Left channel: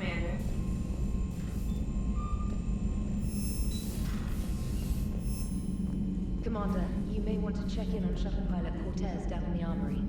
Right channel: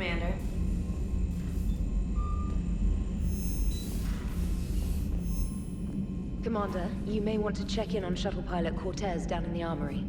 Commander. Commander, you may want to check in on shuttle pilot Cortez down in the armory.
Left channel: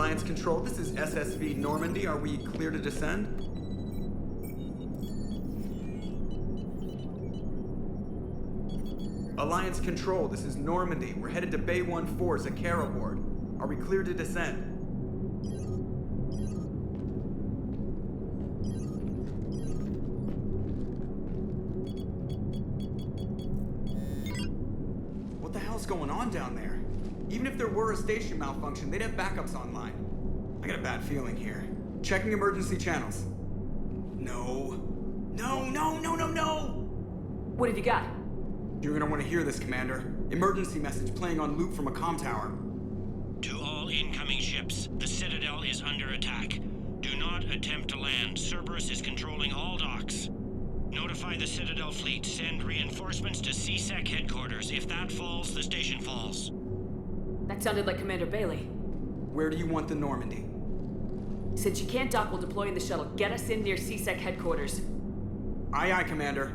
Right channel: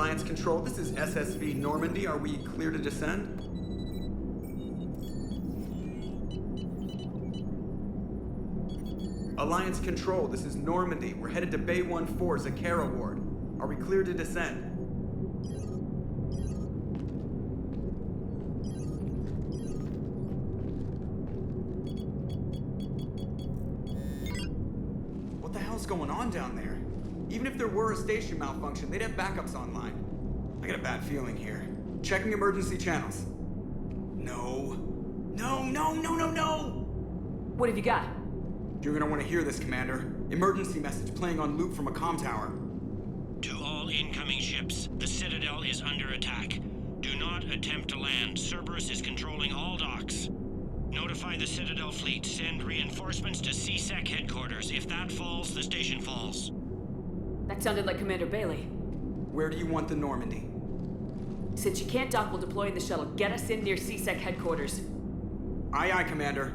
Alliance Control, this is SSV Normandy. Are we clear to descend? Alliance Control, this is Normandy. We're headed to Bay 1-4, Zakara Ward. Are we clear to descend? What the hell's going on down there? Even if there were a station malfunction, they'd have backups online. I got a bad feeling here. Checking emergency channels. No. No, no, no, no, no! What have you got? You're gonna want to hear this, Commander. Emergency message playing on loop from a comm tower. To all incoming ships, the Citadel is under attack. Do not attempt to land. Cerberus is controlling all docks. Notify the Citadel fleet. Send reinforcements to C-Sec headquarters. If that falls, the station falls. That sounded like Commander Bailey. Where do you want the Normandy? Since you can't dock while deploying the shuttle, get us in near C-Sec headquarters. Aye, aye, Commander.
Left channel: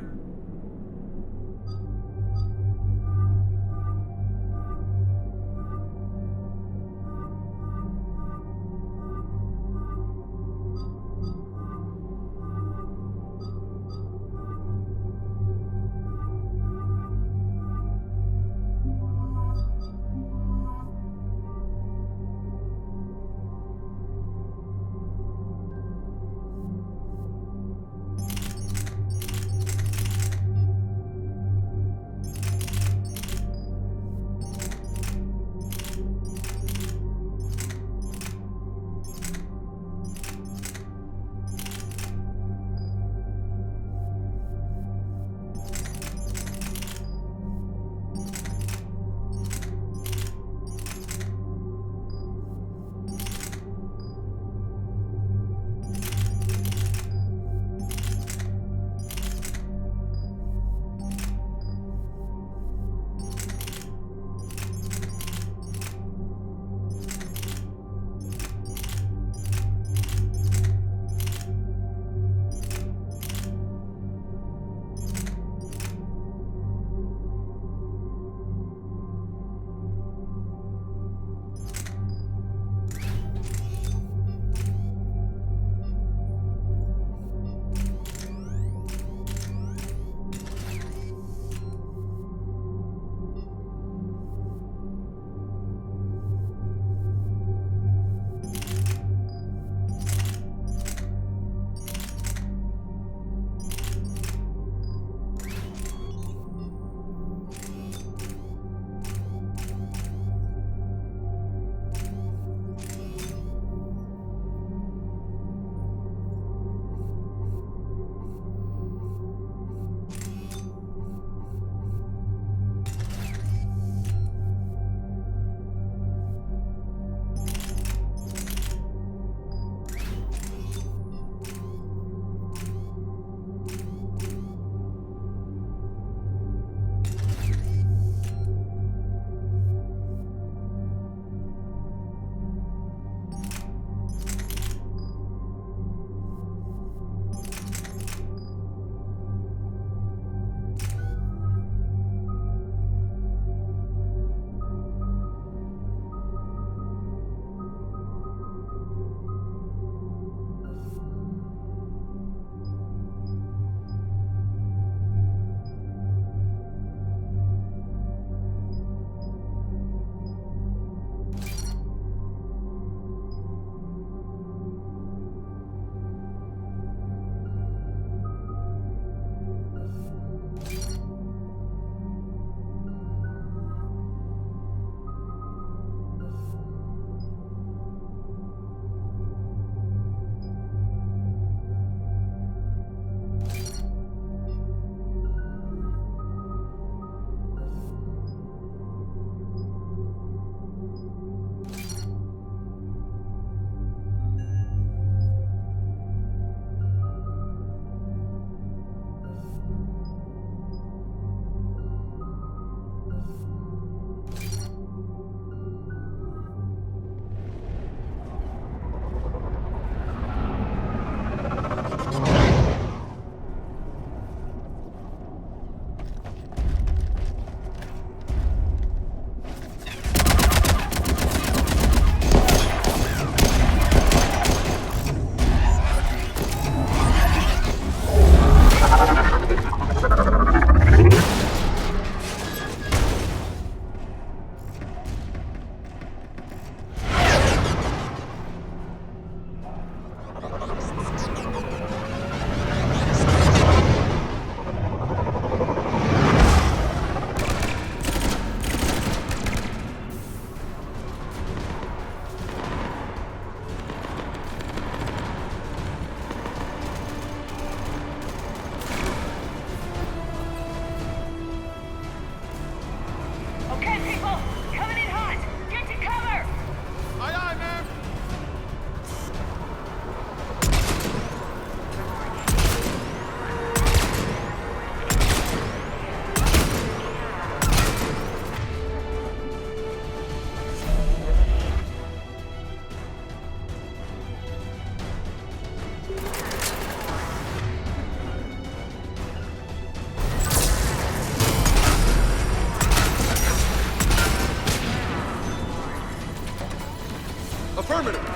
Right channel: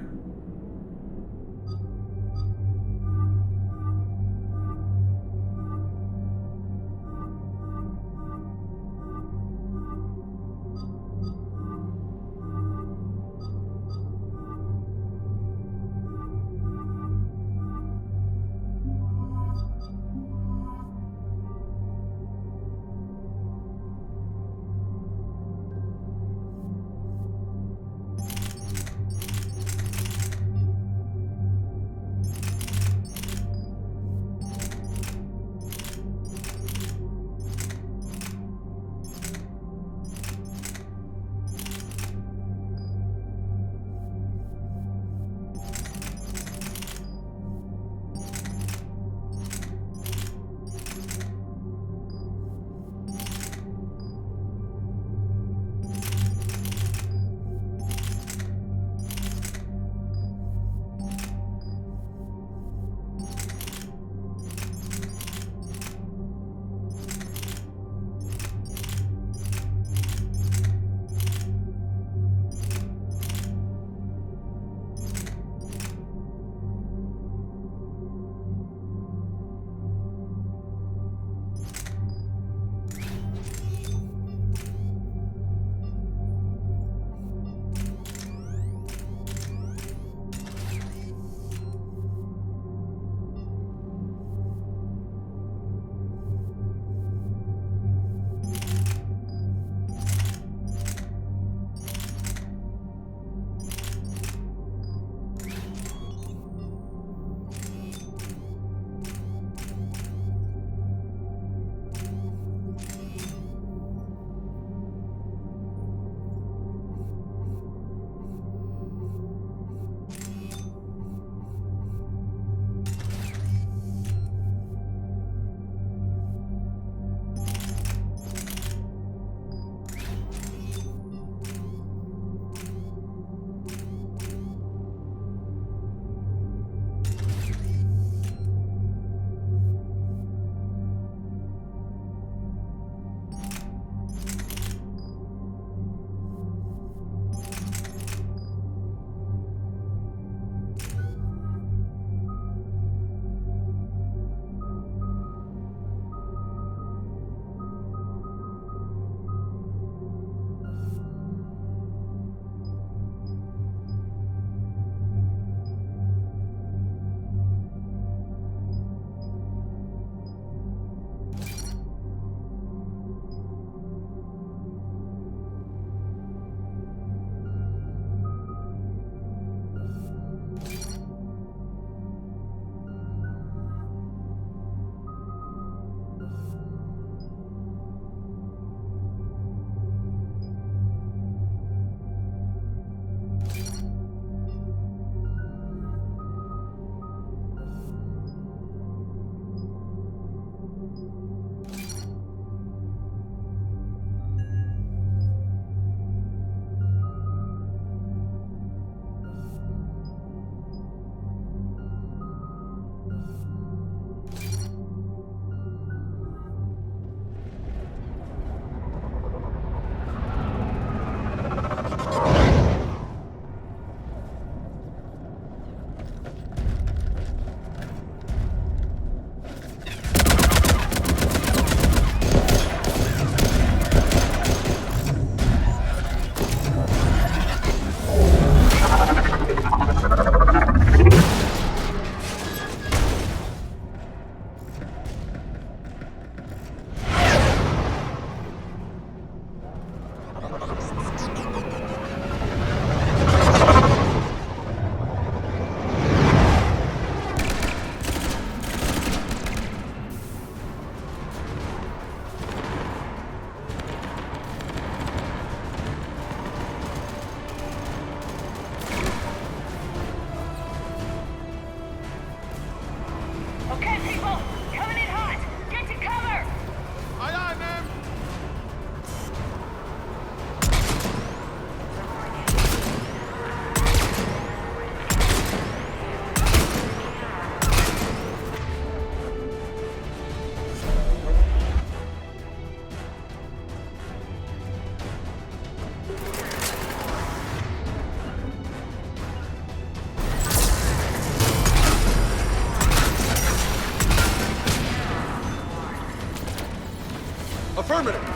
Affirmative.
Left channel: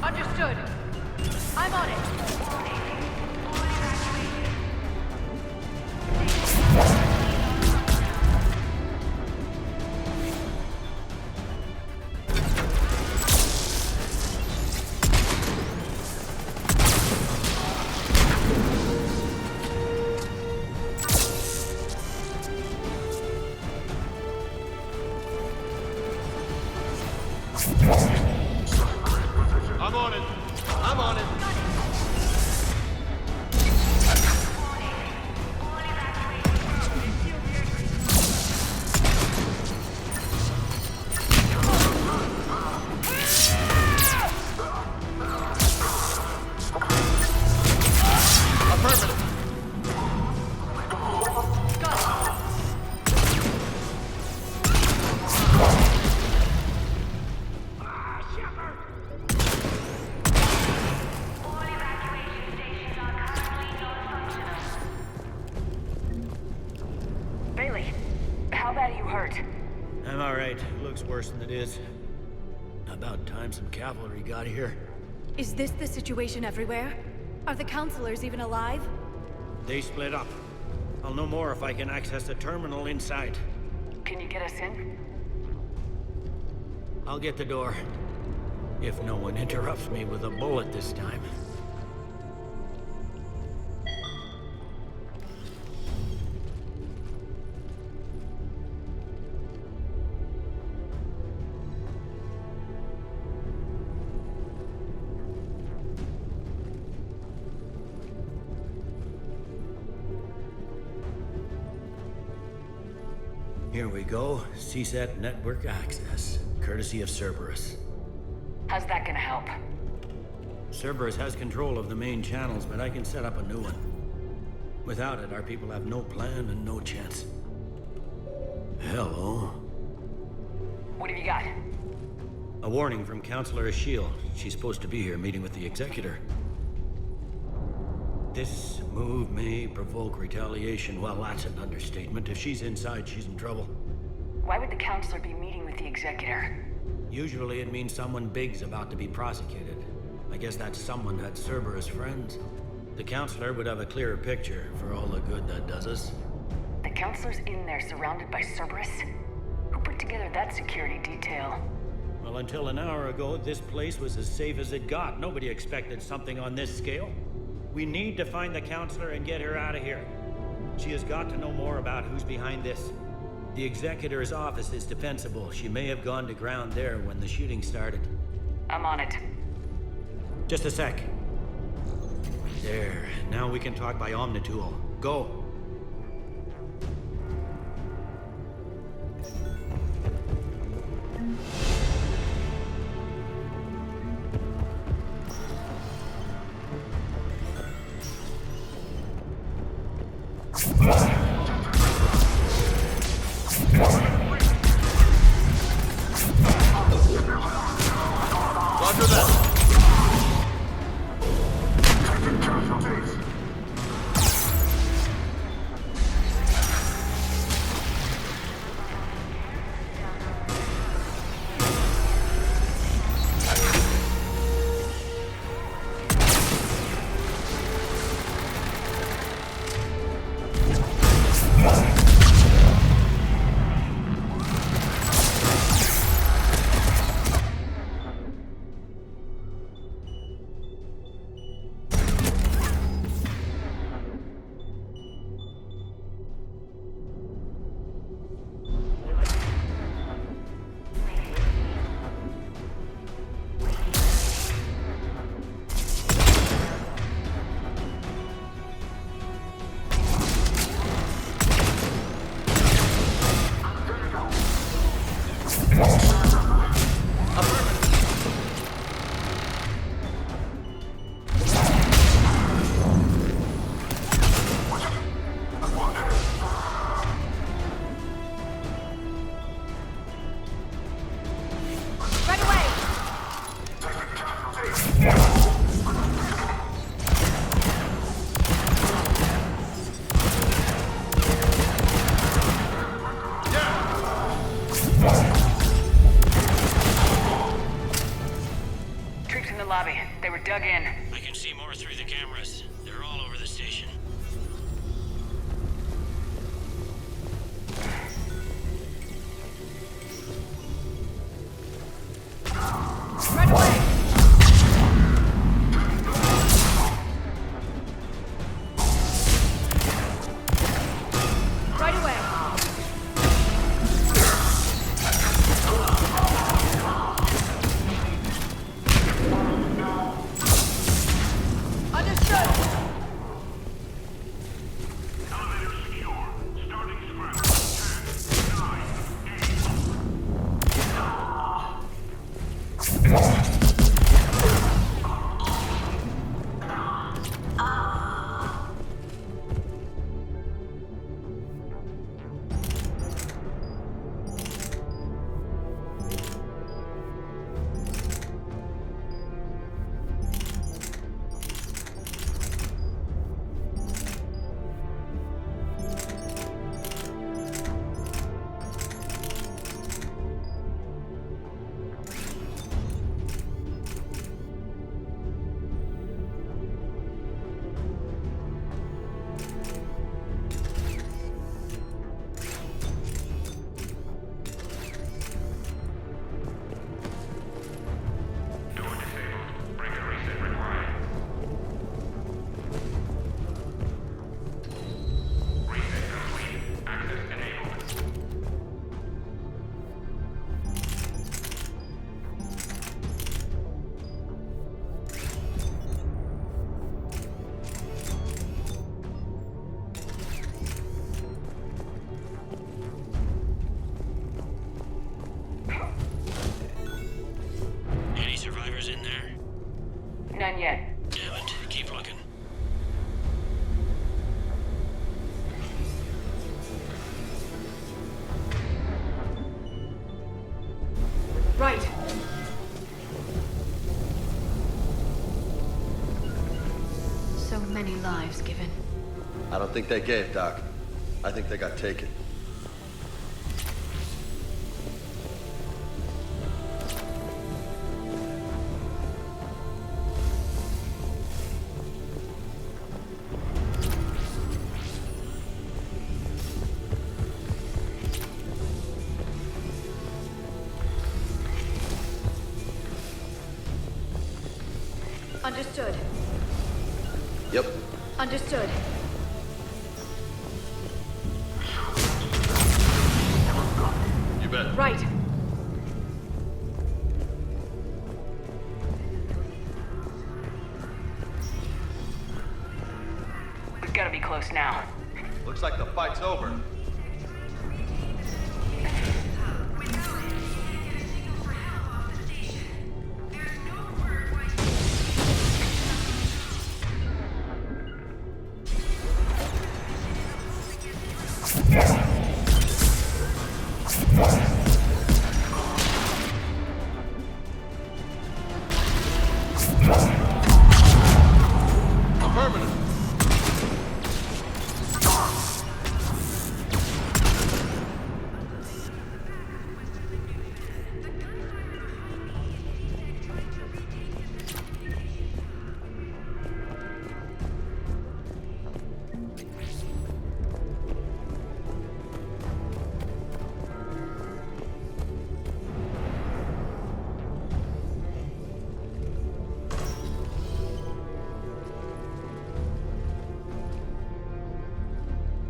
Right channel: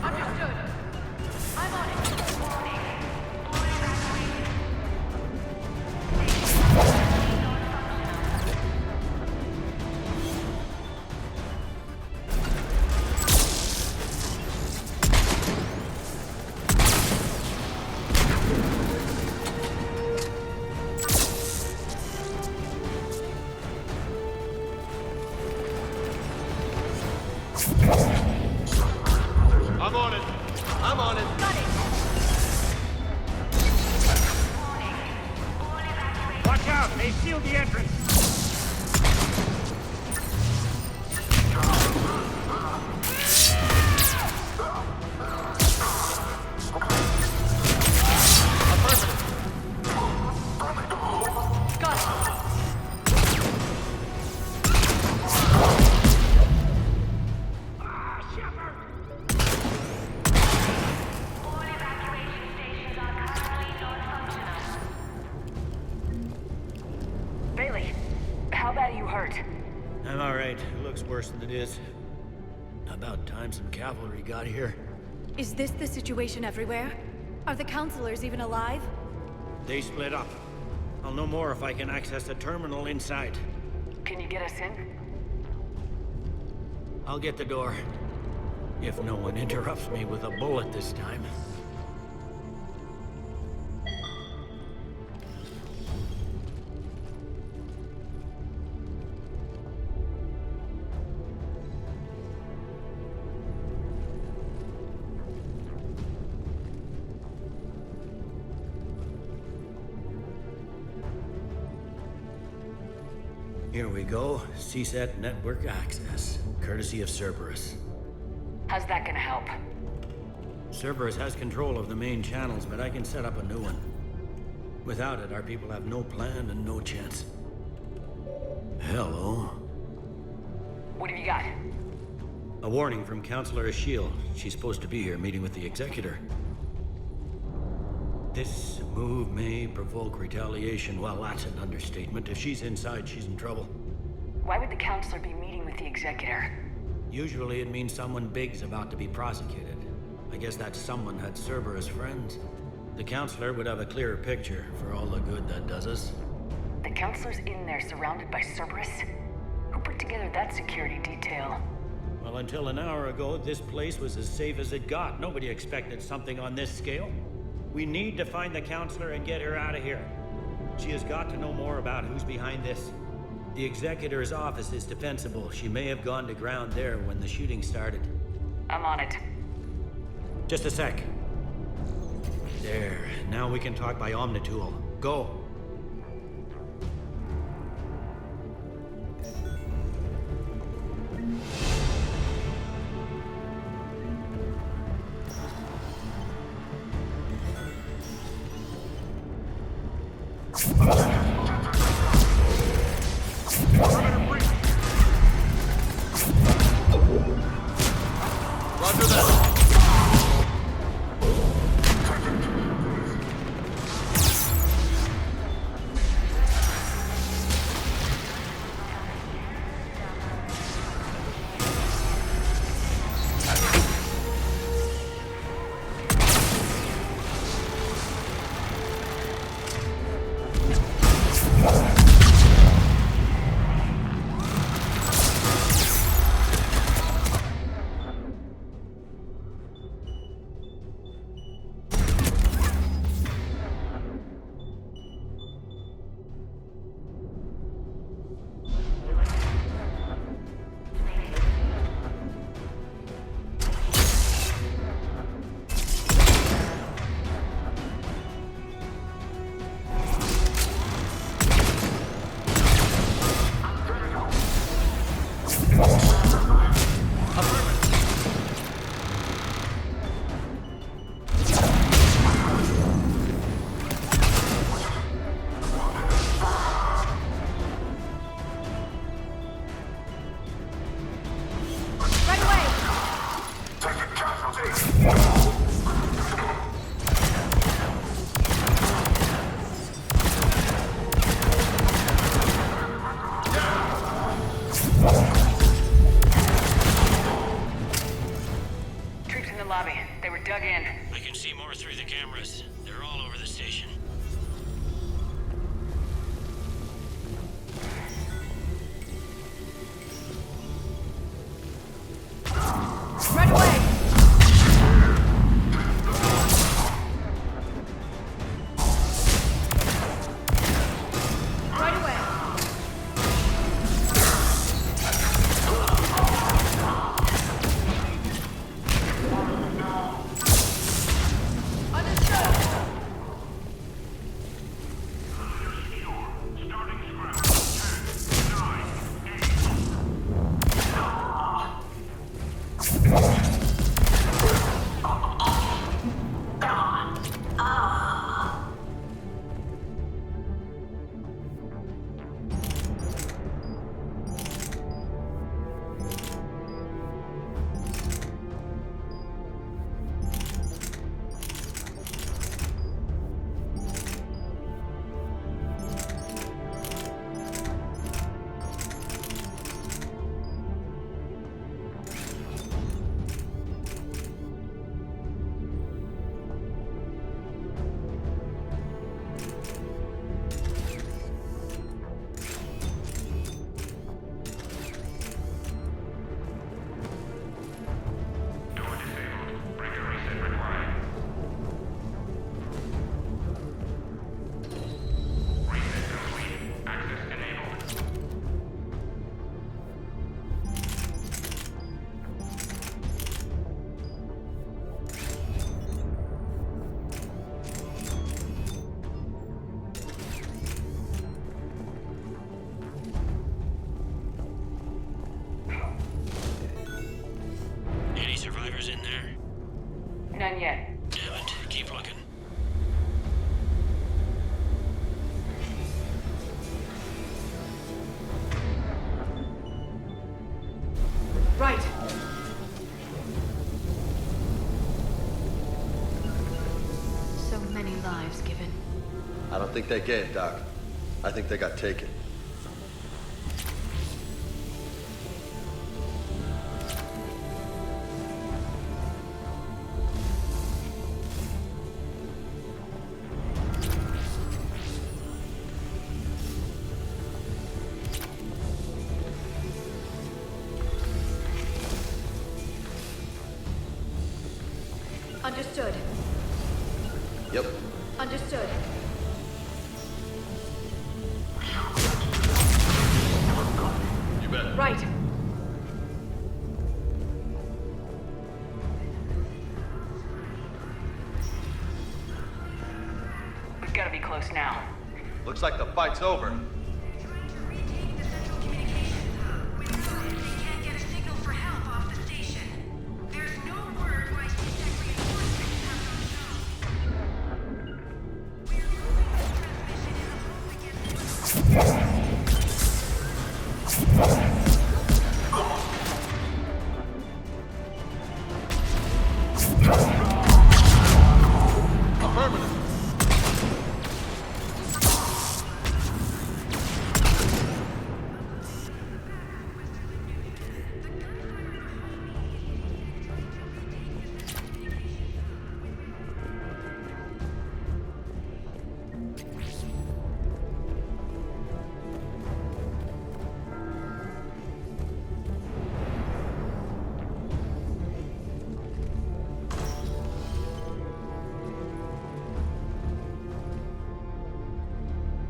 Understood. I'm on it. I'm on it. I'm on it. Watch out! They sealed the entrance! Ah, Shepard! Bailey, how bad are you hurt? I'm alright. It looks worse than it is. About time some cavalry got here. Is this the situation everywhere? Are the counselors even alive? They split up. I'll know more if I can access the terminal inside. Can you get us in? I'll get the door. If no one interrupts me with a bullet this time. Here we go. CSAT network access, courtesy of Cerberus. How's that gonna help? Cerberus has control of the main channels, but I can set up a new one. Without it, our people have no plan and no chance. Hello. What have you got? A warning from Counselor Ashiel. She's supposed to be here meeting with the Executor. This move may provoke retaliation. Well, that's an understatement. If she's inside, she's in trouble. Why would the counselor be meeting with the Executor? Usually it means someone big's about to be prosecuted. I guess that someone had Cerberus friends. The Counselor would have a clearer picture for all the good that does us. The counselor's in there surrounded by Cerberus? Who put together that security detail? Well, until an hour ago, this place was as safe as it got. Nobody expected something on this scale. We need to find the Counselor and get her out of here. She has got to know more about who's behind this. The Executor's office is defensible. She may have gone to ground there when the shooting started. I'm on it. Just a sec. There. Now we can talk by Omnitool. Go. in the lobby. They were dug in. I can see more through the cameras. They're all over the station. Right away. Understood. Elevator secure. Starting scramble. 10, 9, 8. Any survivors in there? None yet. Damn it. Keep looking. Right. So many lives given. I don't think they did, Doc. I think they got killed. Understood. Yep. Understood. We've got to be close now. Looks like the fight's over. They're trying to retake the central communications hub. Without it, they can't get a signal for help off the station.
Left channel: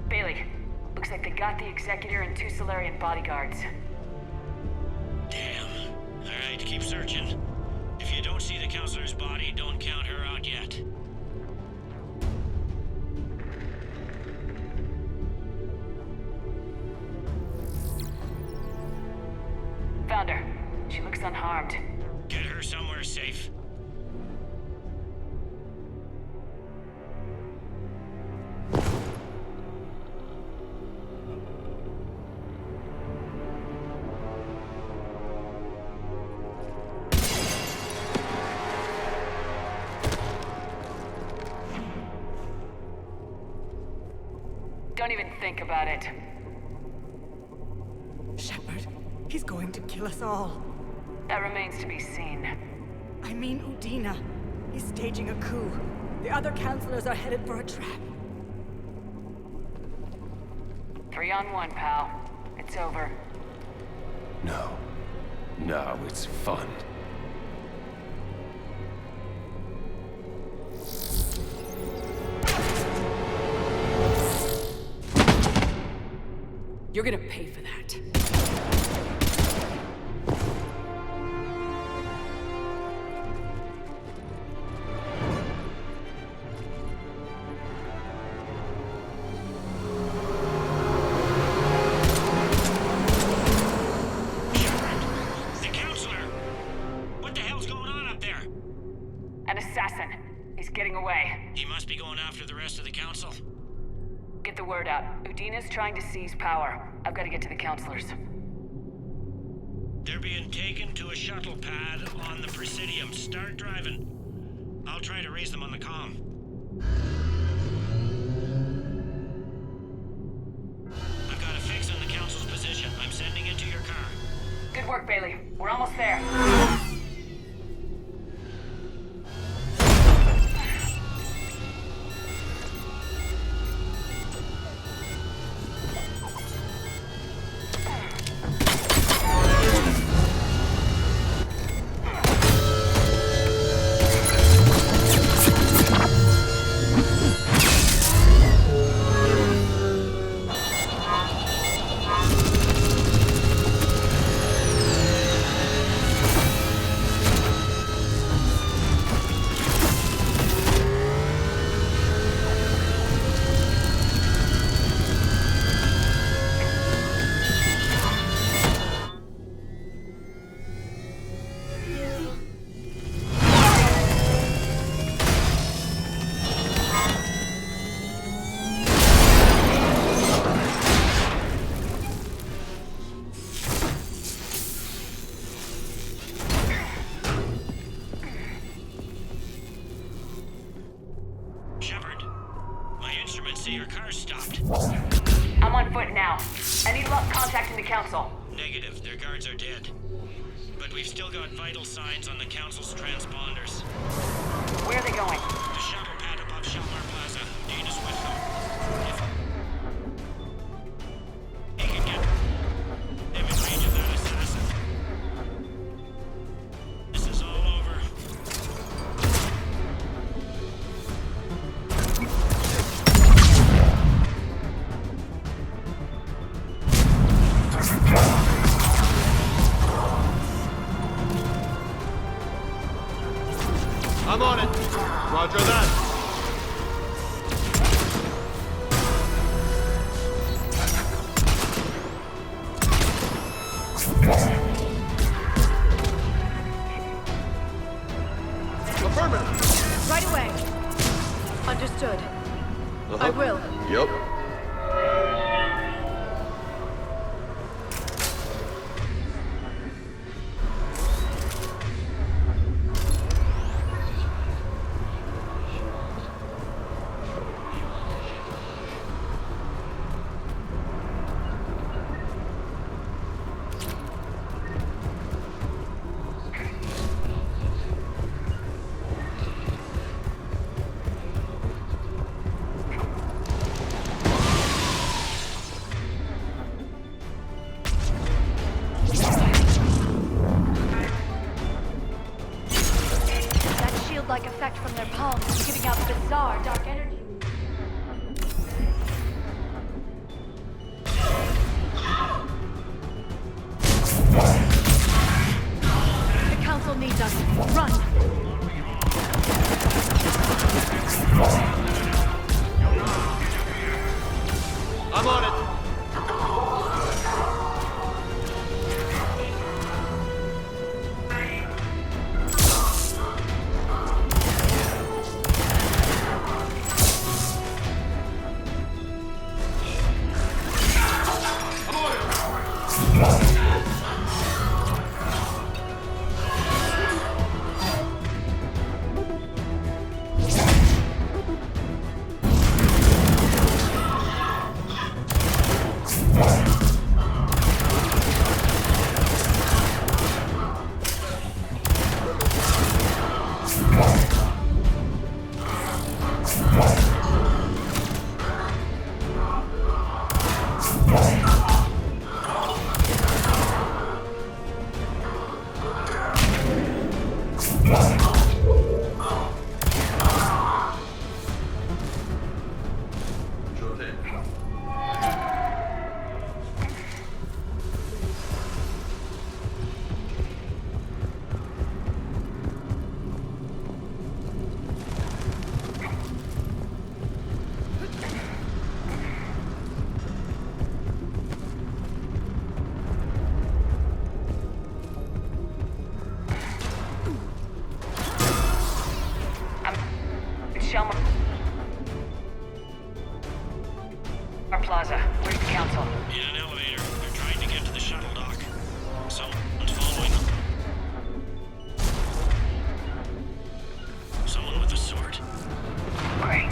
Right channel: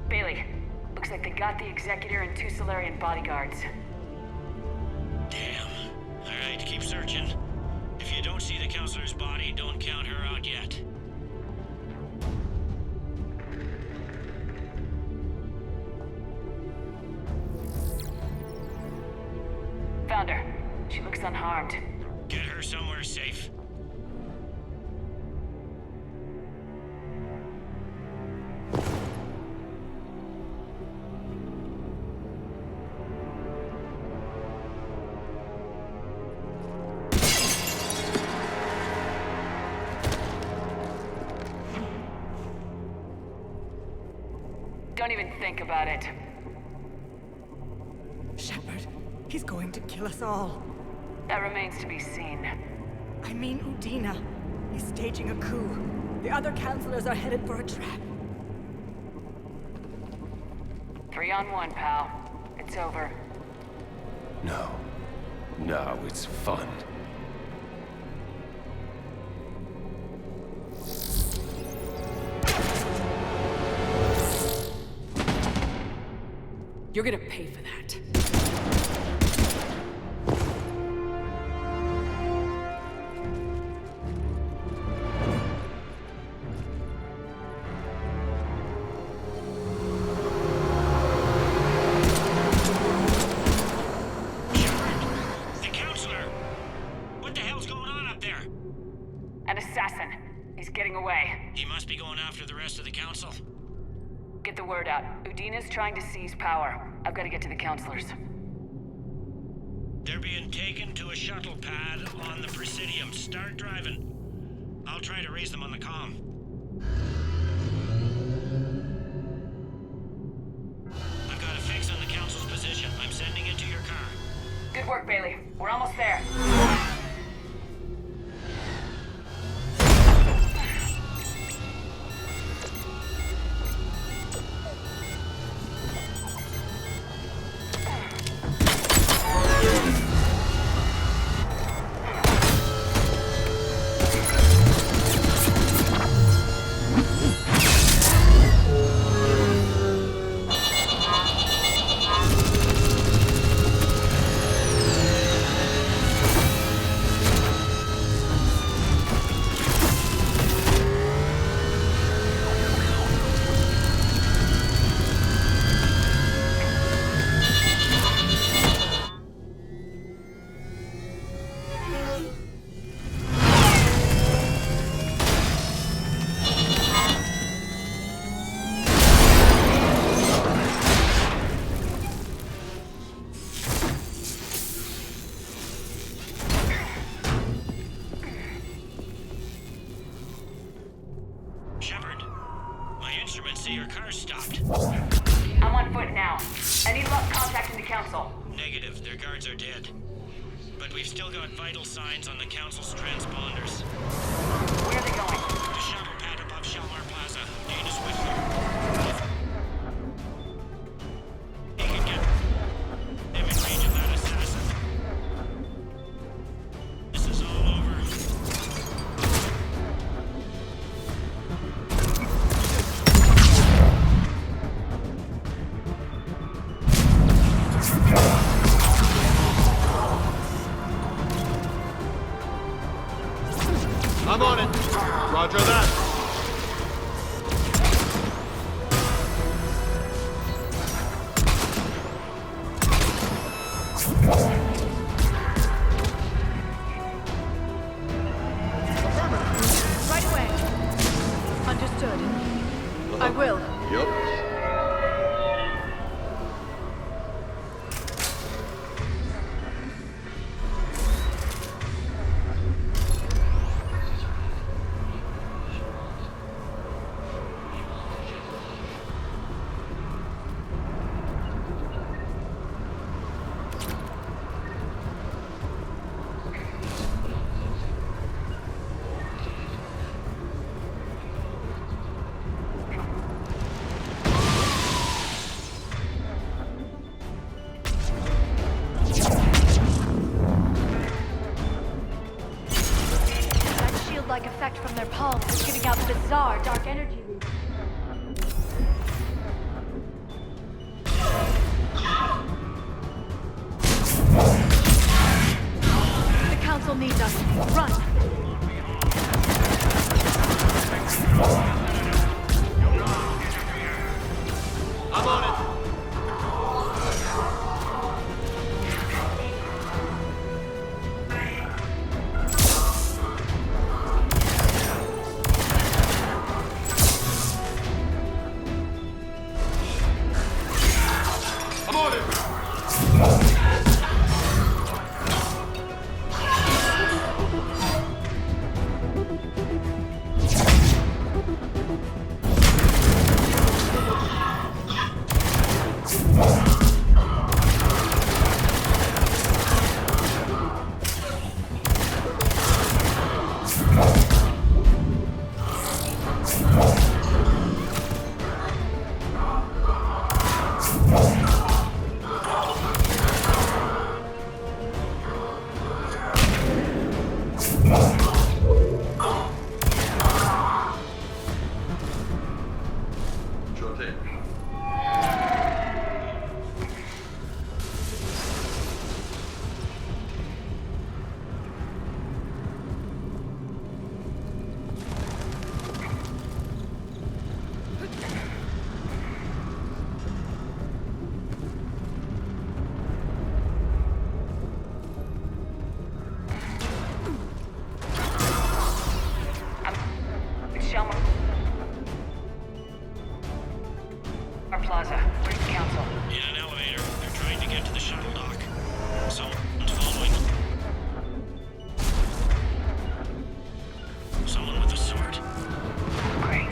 Bailey, looks like they got the Executor and 2 Solarian bodyguards. Damn. Alright, keep searching. If you don't see the counselor's body, don't count her out yet. Found her. She looks unharmed. Get her somewhere safe. Don't even think about it. Shepard, he's going to kill us all. That remains to be seen. I mean Udina. He's staging a coup. The other counselors are headed for a trap. 3-on-1, pal. It's over. No. No, it's fun. You're gonna pay for that. Shepard! The counselor! What the hell's going on up there? An assassin. He's getting away. He must be going after the rest of the council. Get the word out. Udina's trying to seize power. I've got to get to the counselors. They're being taken to a shuttle pad on the Presidium. Start driving. I'll try to raise them on the comm. I've got a fix on the council's position. I'm sending it to your car. Good work, Bailey. We're almost there. Shepard, my instruments say your car's stopped. I'm on foot now. I need luck contacting the council. Negative, their guards are dead. But we've still got vital signs on the council's transponders. Where are they going? The shuttle pad above Shalmar Plaza. Dana's with them. If he can get them in range of that assassin, this is all over. Shelmar Plaza. Where's the council? In an elevator. They're trying to get to the shuttle dock. Someone's following them. Someone with a sword. Great.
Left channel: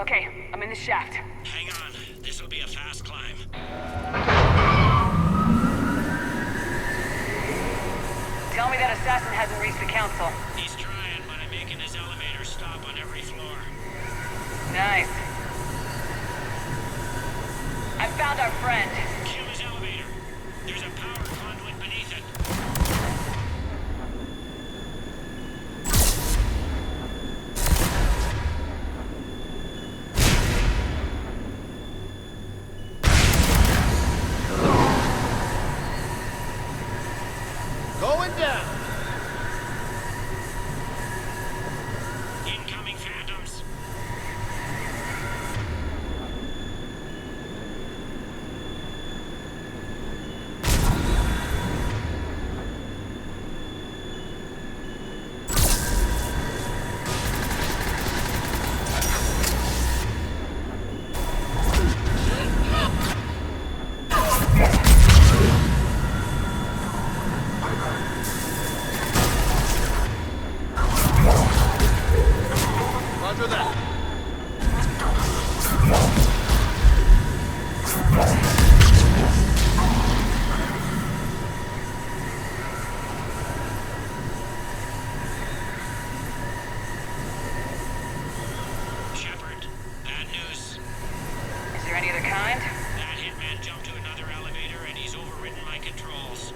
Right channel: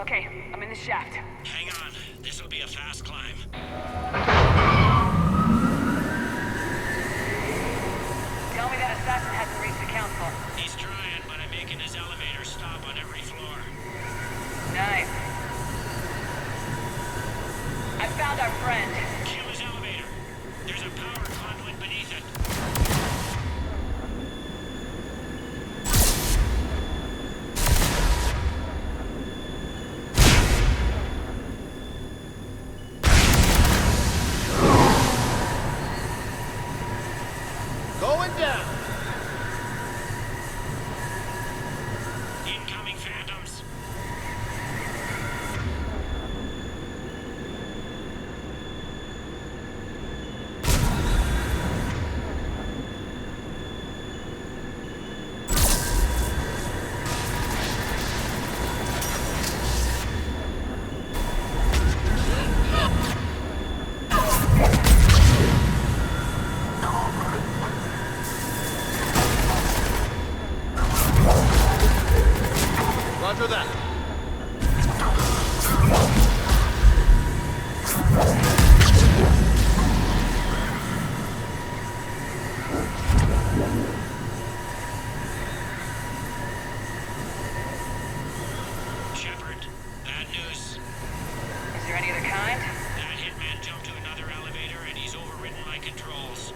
Okay, I'm in the shaft. Hang on. This'll be a fast climb. Tell me that assassin hasn't reached the council. He's trying, but I'm making his elevator stop on every floor. Nice. I found our friend. Kill his elevator. There's a power conduit beneath it. Going down. Incoming phantoms. Roger that. Shepard, bad news. Is there any other kind? That hitman jumped to another elevator and he's overridden my controls.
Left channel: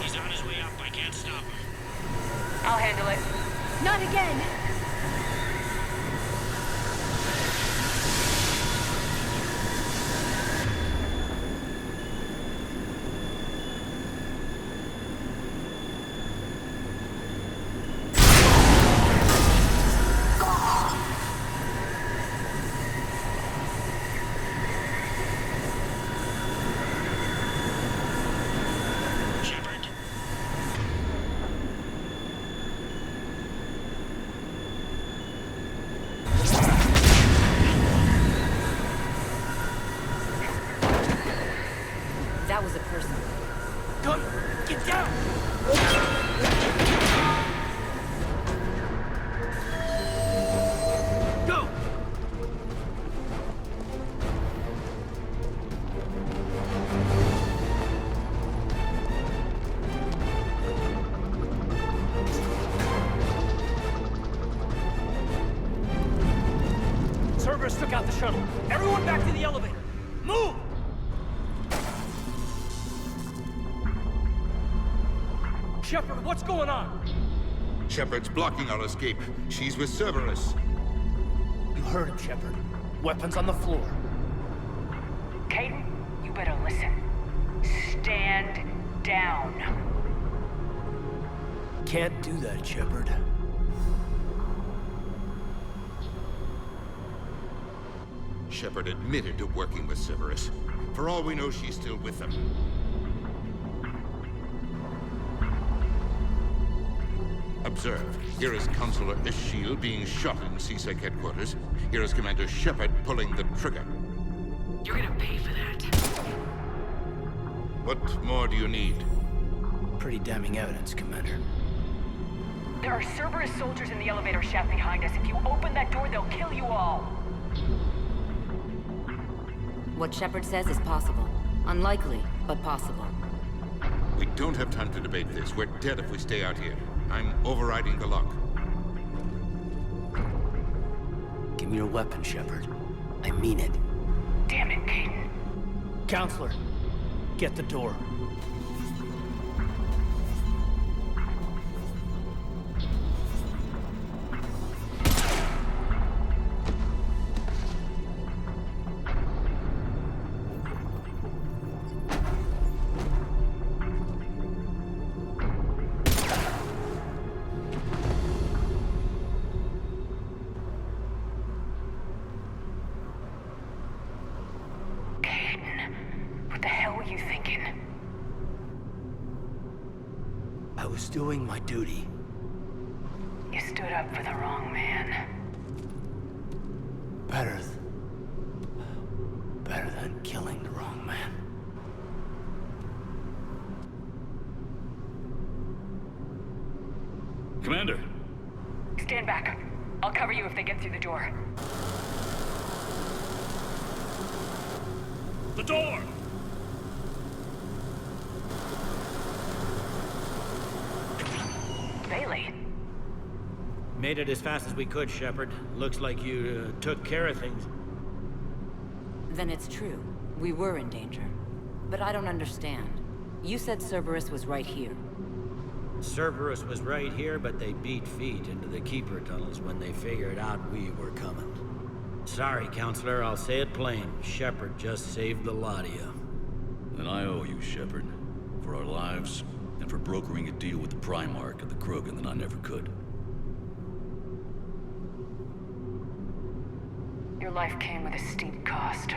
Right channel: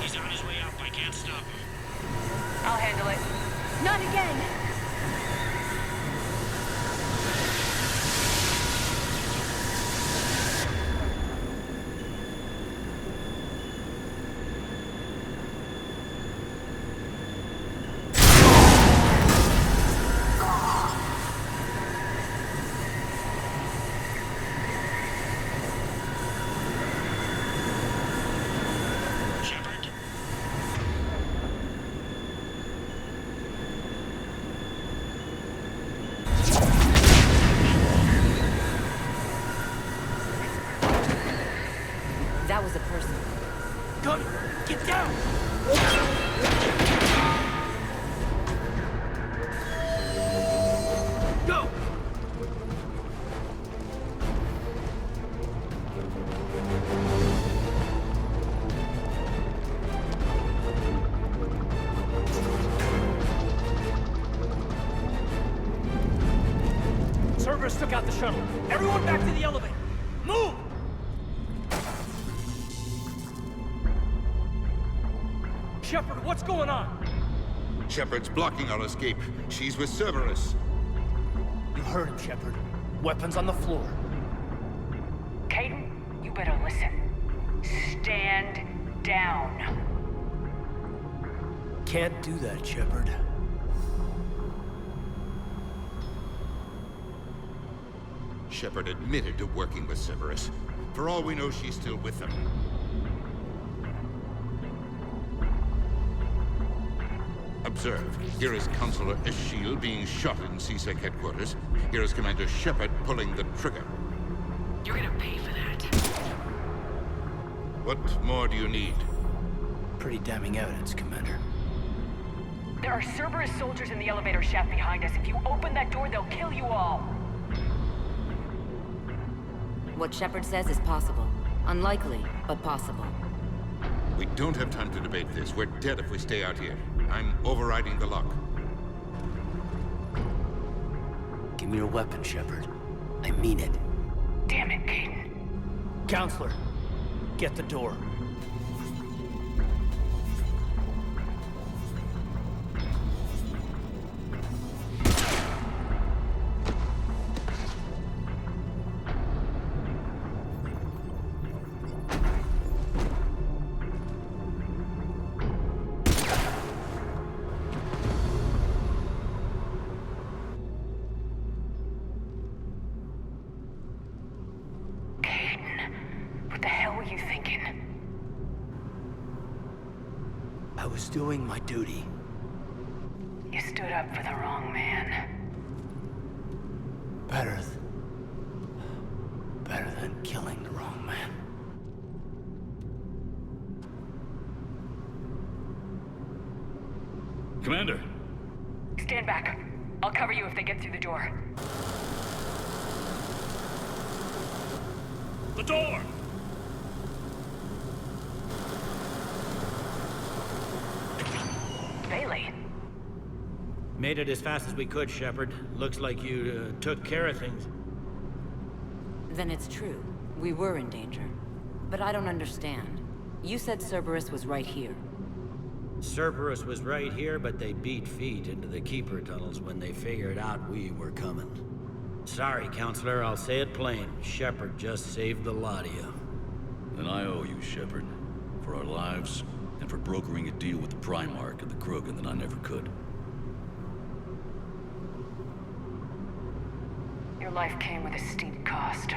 He's on his way up. I can't stop him. I'll handle it. Not again! Shepard? That was a person. Gunner, get down! Go! Cerberus took out the shuttle. Everyone back to the elevator. Move! Shepard, what's going on? Shepard's blocking our escape. She's with Cerberus. You heard him, Shepard. Weapons on the floor. Caden, you better listen. Stand down. Can't do that, Shepard. Shepard admitted to working with Cerberus. For all we know, she's still with them. Observe. Here is Counselor Eschiel being shot in CSEC headquarters. Here is Commander Shepard pulling the trigger. You're gonna pay for that. What more do you need? Pretty damning evidence, Commander. There are Cerberus soldiers in the elevator shaft behind us. If you open that door, they'll kill you all. What Shepard says is possible. Unlikely, but possible. We don't have time to debate this. We're dead if we stay out here. I'm overriding the lock. Give me your weapon, Shepard. I mean it. Damn it, Caden. Counselor, get the door. You thinking? I was doing my duty. You stood up for the wrong man. Better than killing the wrong man. Commander! Stand back. I'll cover you if they get through the door. The door! Bailey. Made it as fast as we could, Shepard. Looks like you took care of things. Then it's true. We were in danger. But I don't understand. You said Cerberus was right here. Cerberus was right here, but they beat feet into the Keeper tunnels when they figured out we were coming. Sorry, Counselor, I'll say it plain. Shepard just saved the lot of you. And I owe you, Shepard. For our lives, and for brokering a deal with the Primarch and the Krogan that I never could. Your life came with a steep cost.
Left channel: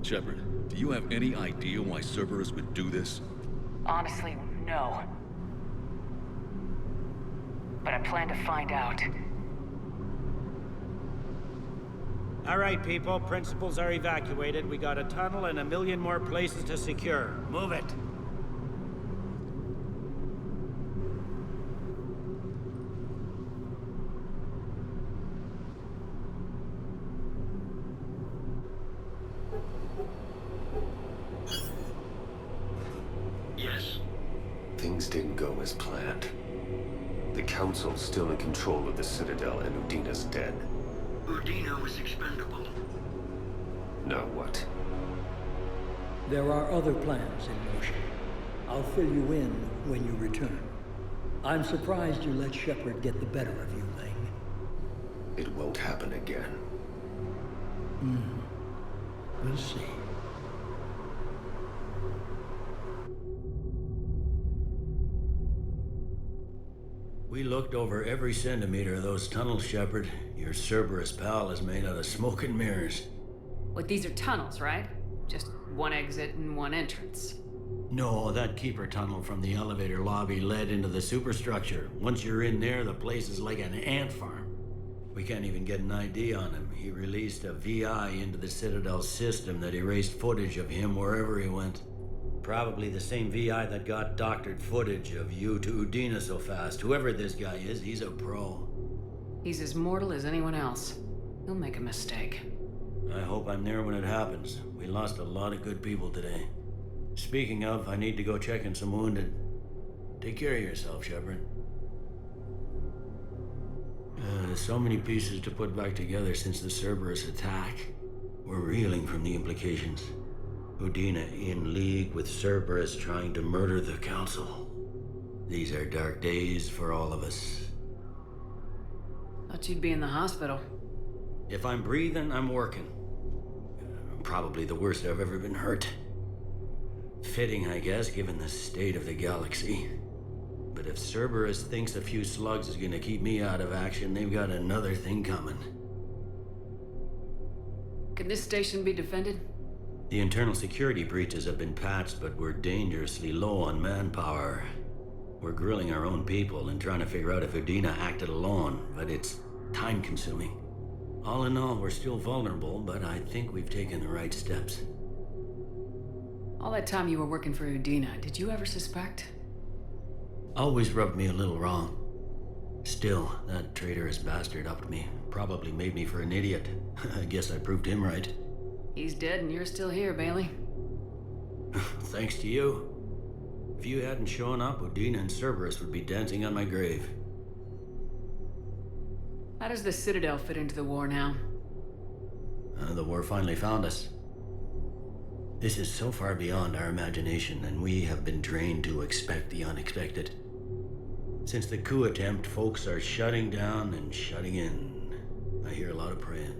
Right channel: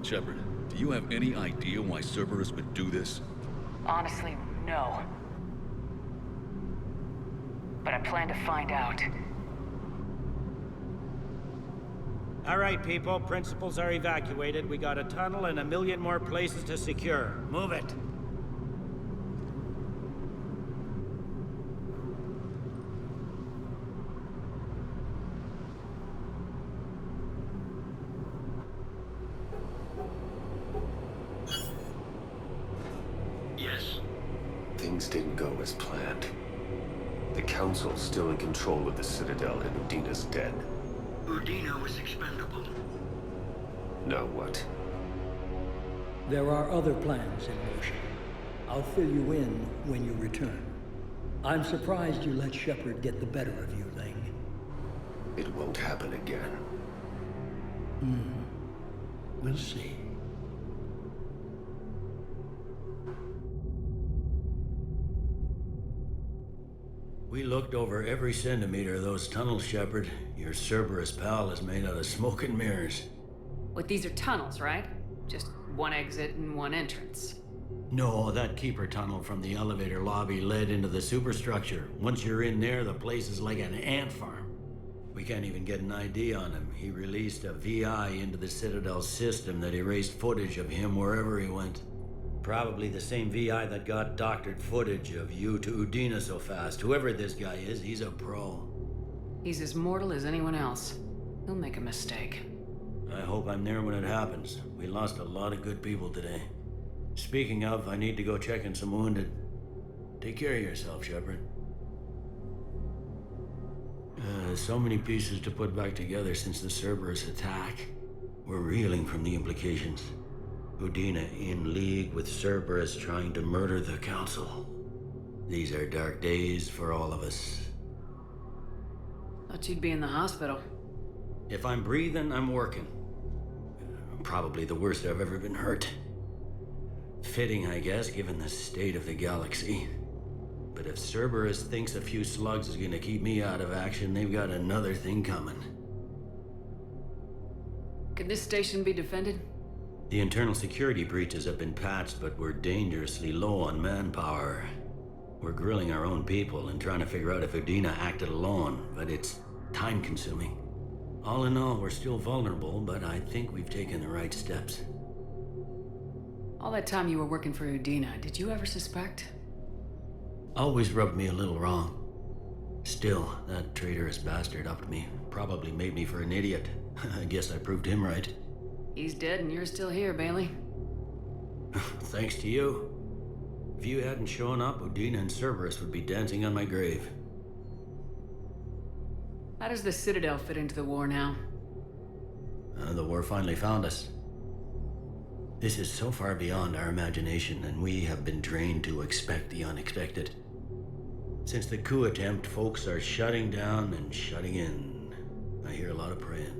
Shepard, do you have any idea why Cerberus would do this? Honestly, no. But I plan to find out. All right, people. Principals are evacuated. We got a tunnel and 1 million more places to secure. Move it. Yes? Things didn't go as planned. The Council's still in control of the Citadel and Udina's dead. Udina was expendable. Now what? There are other plans in motion. I'll fill you in when you return. I'm surprised you let Shepard get the better of you, Ling. It won't happen again. We'll see. We looked over every centimeter of those tunnels, Shepard. Your Cerberus pal is made out of smoke and mirrors. What, these are tunnels, right? Just one exit and one entrance. No, that Keeper tunnel from the elevator lobby led into the superstructure. Once you're in there, the place is like an ant farm. We can't even get an ID on him. He released a VI into the Citadel system that erased footage of him wherever he went. Probably the same VI that got doctored footage of you to Udina so fast. Whoever this guy is, he's a pro. He's as mortal as anyone else. He'll make a mistake. I hope I'm there when it happens. We lost a lot of good people today. Speaking of, I need to go check on some wounded. Take care of yourself, Shepard. So many pieces to put back together since the Cerberus attack. We're reeling from the implications. Udina in league with Cerberus trying to murder the Council. These are dark days for all of us. Thought you'd be in the hospital. If I'm breathing, I'm working. Probably the worst I've ever been hurt. Fitting, I guess, given the state of the galaxy. But if Cerberus thinks a few slugs is gonna keep me out of action, they've got another thing coming. Can this station be defended? The internal security breaches have been patched, but we're dangerously low on manpower. We're grilling our own people and trying to figure out if Udina acted alone, but it's time-consuming. All in all, we're still vulnerable, but I think we've taken the right steps. All that time you were working for Udina, did you ever suspect? Always rubbed me a little wrong. Still, that traitorous bastard upped me. Probably made me for an idiot. I guess I proved him right. He's dead and you're still here, Bailey. Thanks to you. If you hadn't shown up, Udina and Cerberus would be dancing on my grave. How does the Citadel fit into the war now? The war finally found us. This is so far beyond our imagination, and we have been trained to expect the unexpected. Since the coup attempt, folks are shutting down and shutting in. I hear a lot of praying.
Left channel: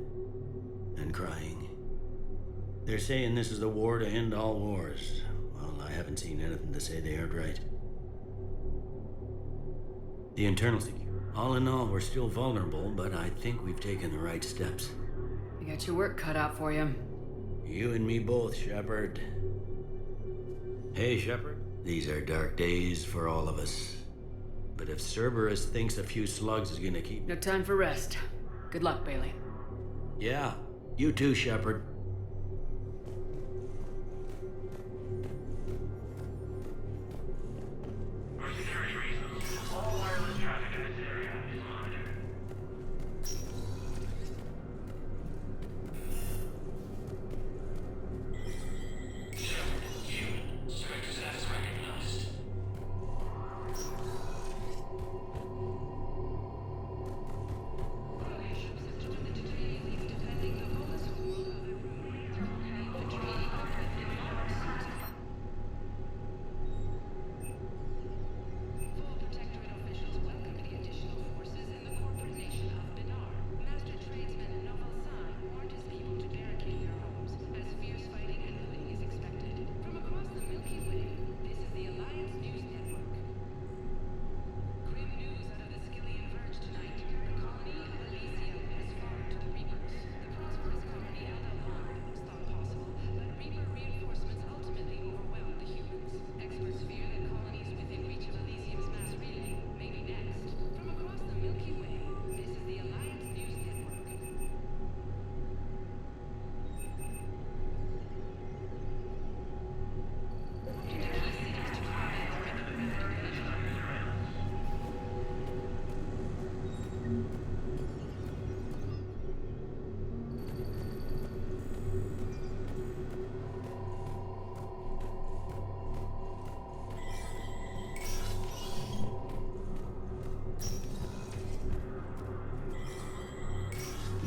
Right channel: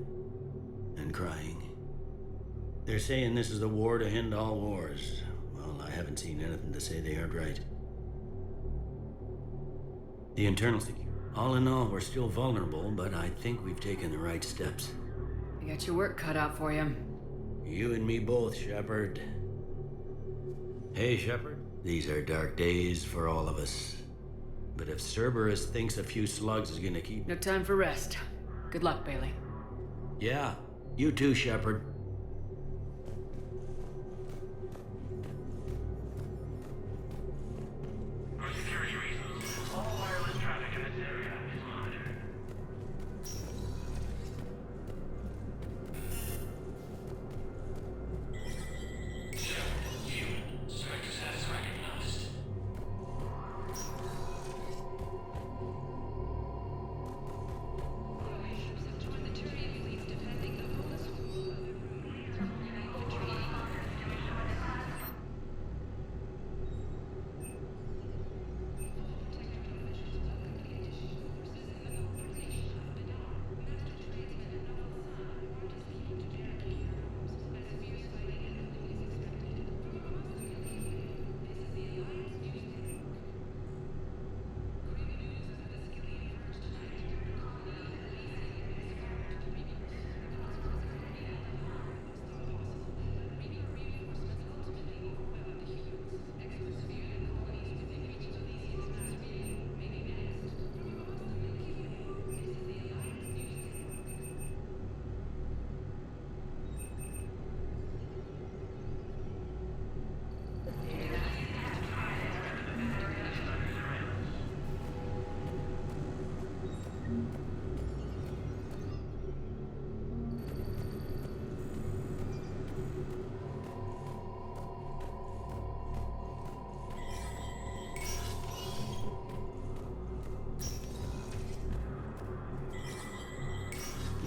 And crying. They're saying this is the war to end all wars. Well, I haven't seen anything to say they aren't right. The internal security. All in all, we're still vulnerable, but I think we've taken the right steps. You got your work cut out for you. You and me both, Shepard. Hey, Shepard. These are dark days for all of us. But if Cerberus thinks a few slugs is gonna keep... No time for rest. Good luck, Bailey. Yeah, you too, Shepard.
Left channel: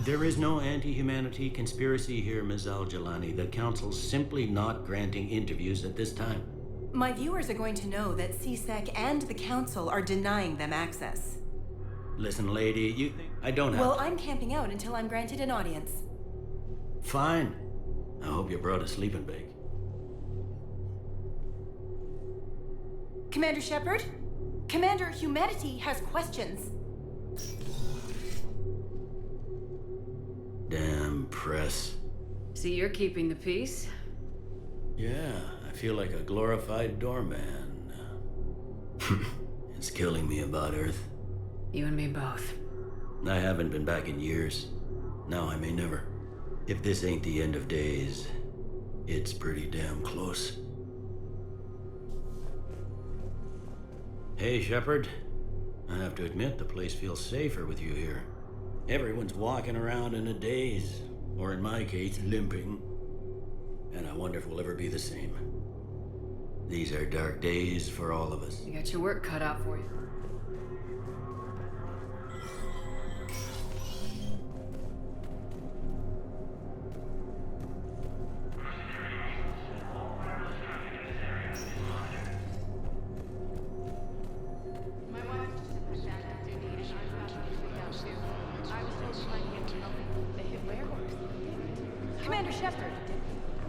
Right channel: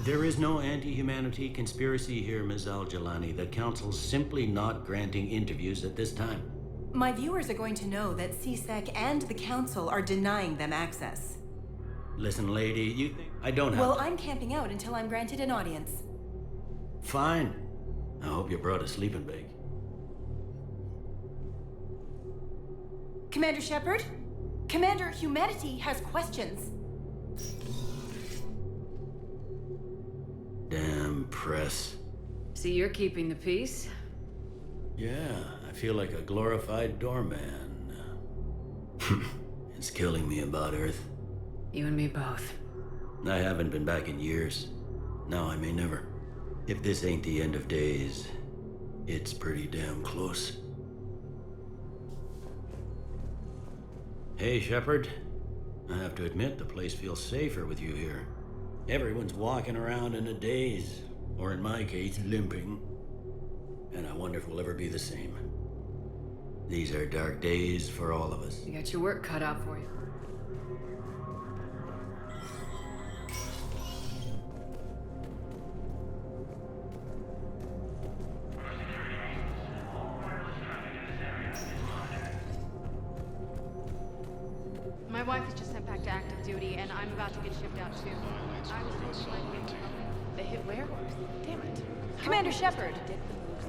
There is no anti-humanity conspiracy here, Ms. Al-Jalani. The Council's simply not granting interviews at this time. My viewers are going to know that CSEC and the Council are denying them access. Listen, lady, you think I don't have... Well, I'm camping out until I'm granted an audience. Fine. I hope you brought a sleeping bag. Commander Shepard? Commander Humanity has questions. Damn press. See, you're keeping the peace? Yeah, I feel like a glorified doorman. It's killing me about Earth. You and me both. I haven't been back in years. Now I may never. If this ain't the end of days, it's pretty damn close. Hey, Shepard. I have to admit, the place feels safer with you here. Everyone's walking around in a daze, or in my case, limping. And I wonder if we'll ever be the same. These are dark days for all of us. You got your work cut out for you. My wife was just sent back to active duty, and I'm about to get shipped out. That violates Krogan sovereignty. They hit where? Damn it. Commander Shepard!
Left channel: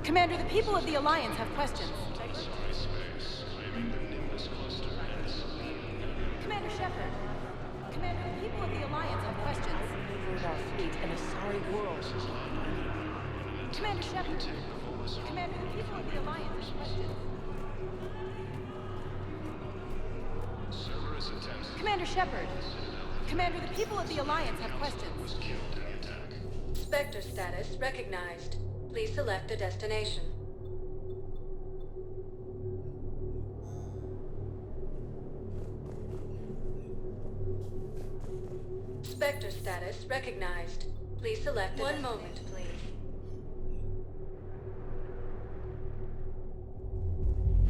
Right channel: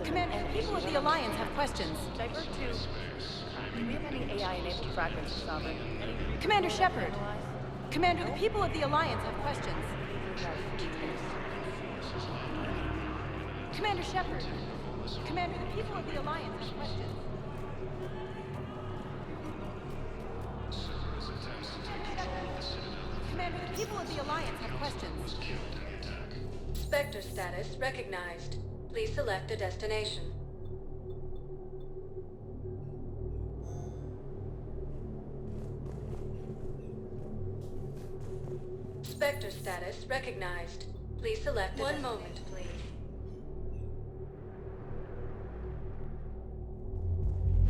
Commander, the people of the Alliance have questions. Do we have any AI-enabled fragments of Saba? Commander Shepard! Commander, the people of the Alliance have questions. Outmaneuvering our fleet in a sorry world. In an attempt to retake. Cerberus attempts. Commander Shepard! The Citadel. Commander, the people of the Alliance. Spectre status recognized. Please select a destination. Spectre status recognized. Please select one moment, please.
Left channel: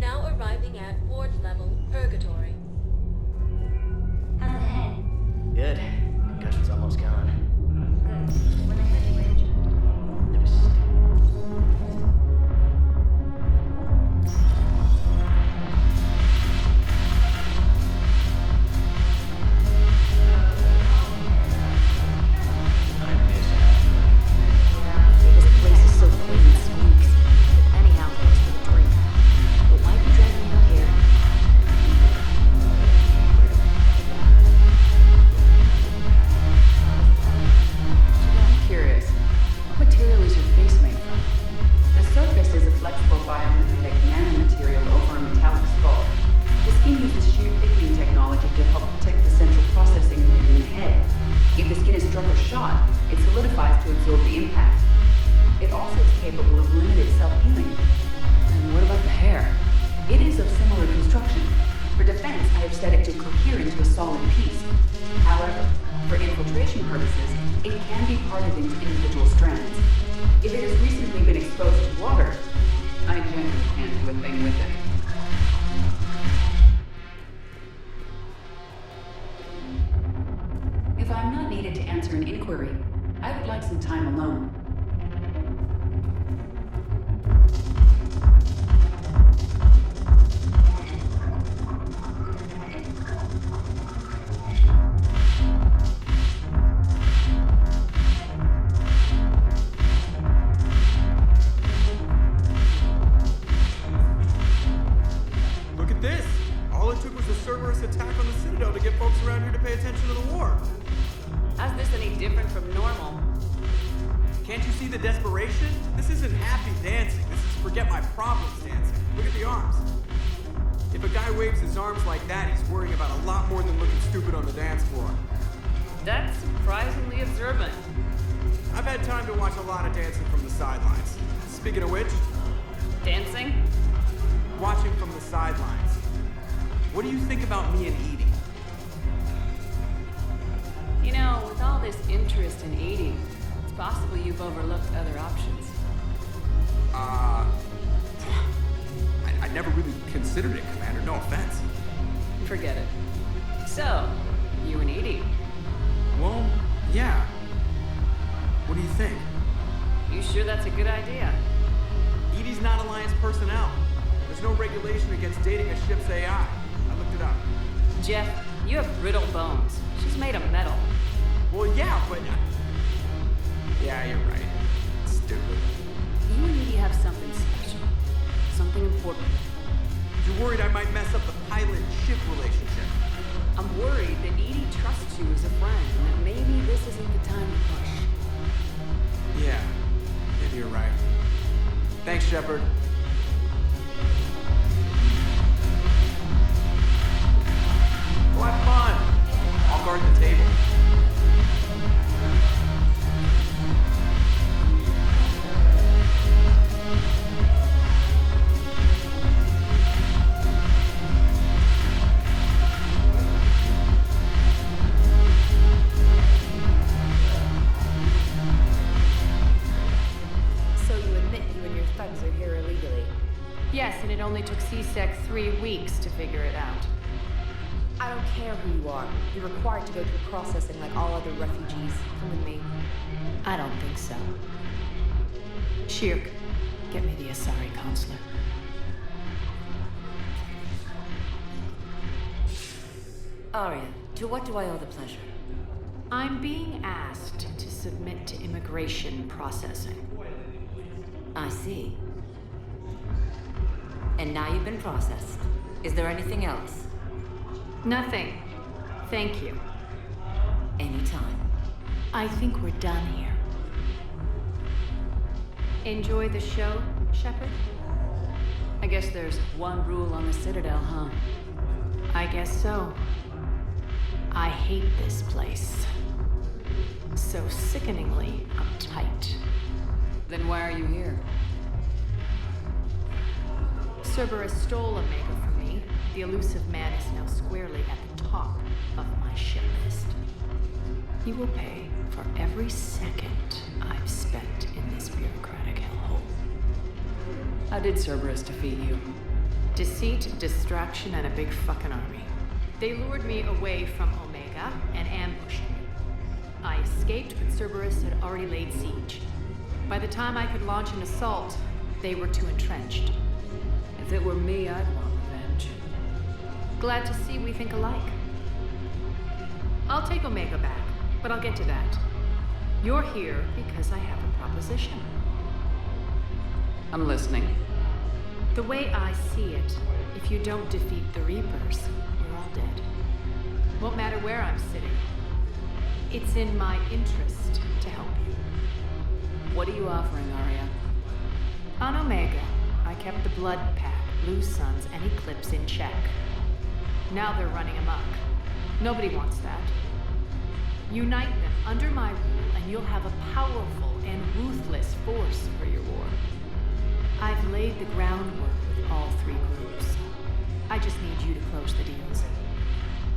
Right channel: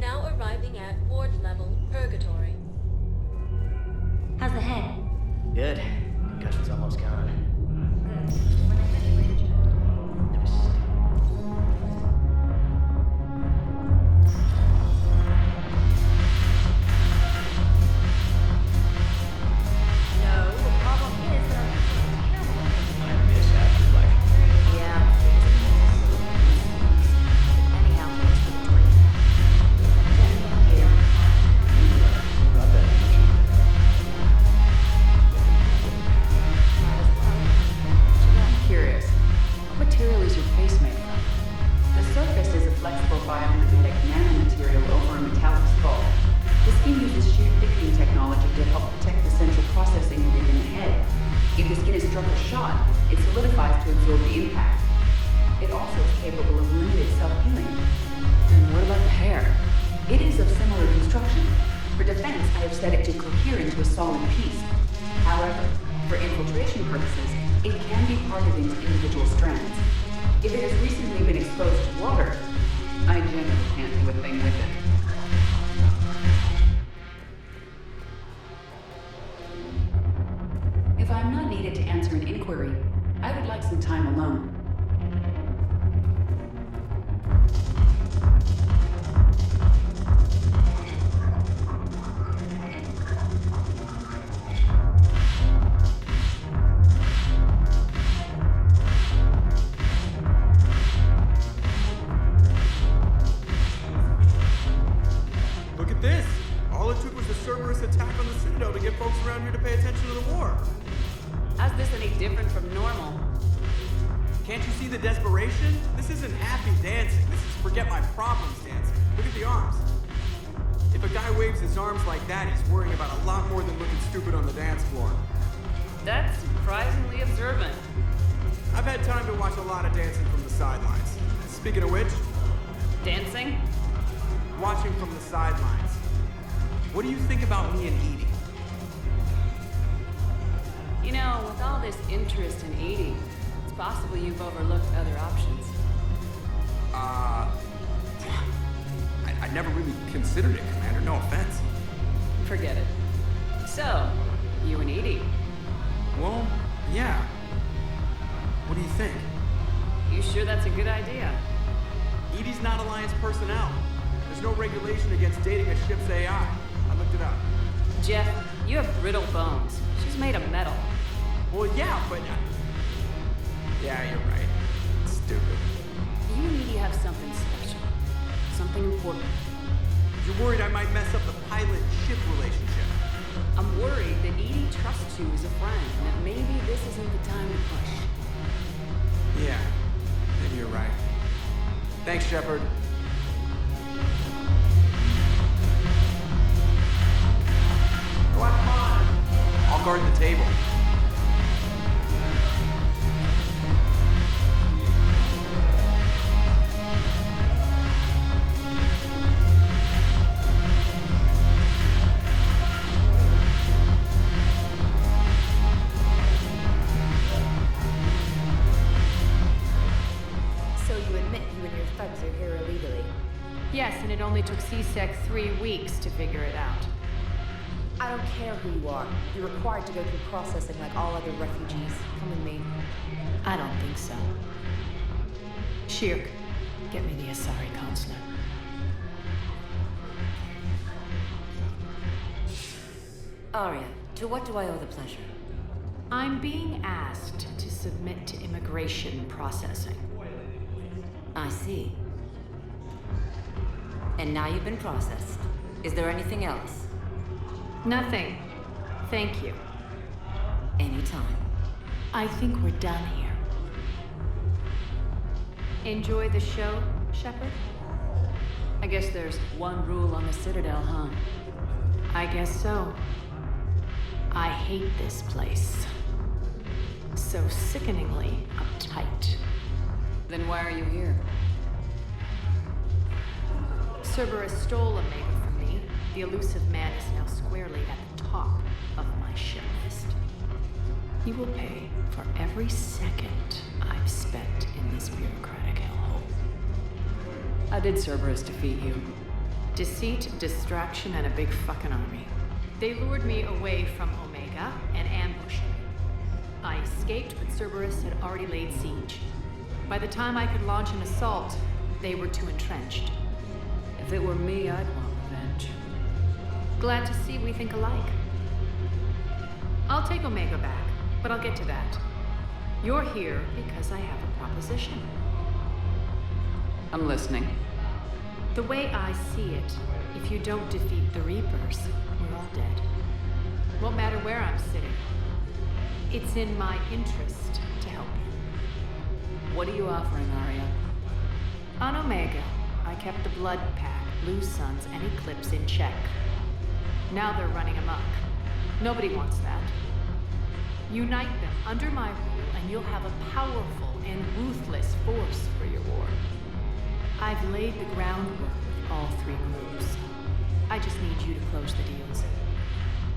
Now arriving at ward level purgatory. How's the head? No, the problem is that I miss Afterlife. Yeah, this place is so clean. But why'd you drag me out here? Got that merchant freighter. I'm curious. What material is your face made from? The surface is a flexible biomimetic nanomaterial over a metallic skull. The skin uses shear thickening technology to help protect the central processing unit in the head. If the skin is struck or shot, it solidifies to absorb the impact. It also is capable of limited self-healing. And what about the hair? It is of similar construction. For defense, I have set it to cohere into a solid piece. However, for infiltration purposes, it can be parted into individual strands. If it has recently been exposed to water, I generally can't do a thing with it. If I'm not needed to answer an inquiry, I would like some time alone. Look at this! All it took was a Cerberus attack on the Citadel to get folks around here to pay attention to the war. How's this any different from normal? Can't you see the desperation? This isn't happy dancing. This is forget my problems dancing. Look at the arms. If a guy waves his arms like that, he's worrying about a lot more than looking stupid on the dance floor. That's surprisingly observant. I've had time to watch a lot of dancing from the sidelines. Speaking of which... Dancing? Watching from the sidelines. What do you think about me and Edie? You know, with all this interest in Edie, it's possible you've overlooked other options. I'd never really considered it, Commander. No offense. Forget it. So, you and Edie? Well, yeah. What do you think? You sure that's a good idea? Edie's not Alliance personnel. There's no regulation against dating a ship's AI. I looked it up. Jeff, you have brittle bones. She's made of metal. Well, yeah, but... Yeah, you're right. Stupid. You and Edie have something special. Something important. You're worried I might mess up the pilot-ship relationship. I'm worried that Edie trusts you as a friend, and that maybe this isn't the time to push. Yeah, maybe you're right. Thanks, Shepard. Go have fun! So you admit you and your thugs are here illegally? Yes, and it only took CSEC 3 weeks to figure it out. I don't care who you are. You're required to go through processing like all other refugees. Come with me. I don't think so. Shirk, get me the Asari counselor. Arya, to what do I owe the pleasure? I'm being asked to submit to immigration processing. I see. And now you've been processed. Is there anything else? Nothing. Thank you. Anytime. I think we're done here. Enjoy the show, Shepard? I guess there's one rule on the Citadel, huh? I guess so. I hate this place. So sickeningly uptight. Then why are you here? Cerberus stole Omega from me. The elusive man is now squarely at the top of my shit list. He will pay for every second I've spent in this bureaucratic hellhole. How did Cerberus defeat you? Deceit, distraction, and a big fucking army. They lured me away from Omega and ambushed me. I escaped, but Cerberus had already laid siege. By the time I could launch an assault, they were too entrenched. If it were me, I'd want revenge. Glad to see we think alike. I'll take Omega back, but I'll get to that. You're here because I have a proposition. I'm listening. The way I see it, if you don't defeat the Reapers, we're all dead. Won't matter where I'm sitting. It's in my interest to help you. What are you offering, Arya? On Omega, I kept the Blood Pack, Blue Suns, and Eclipse in check. Now they're running amok. Nobody wants that. Unite them under my rule, and you'll have a powerful and ruthless force for your war. I've laid the groundwork with all three groups. I just need you to close the deals.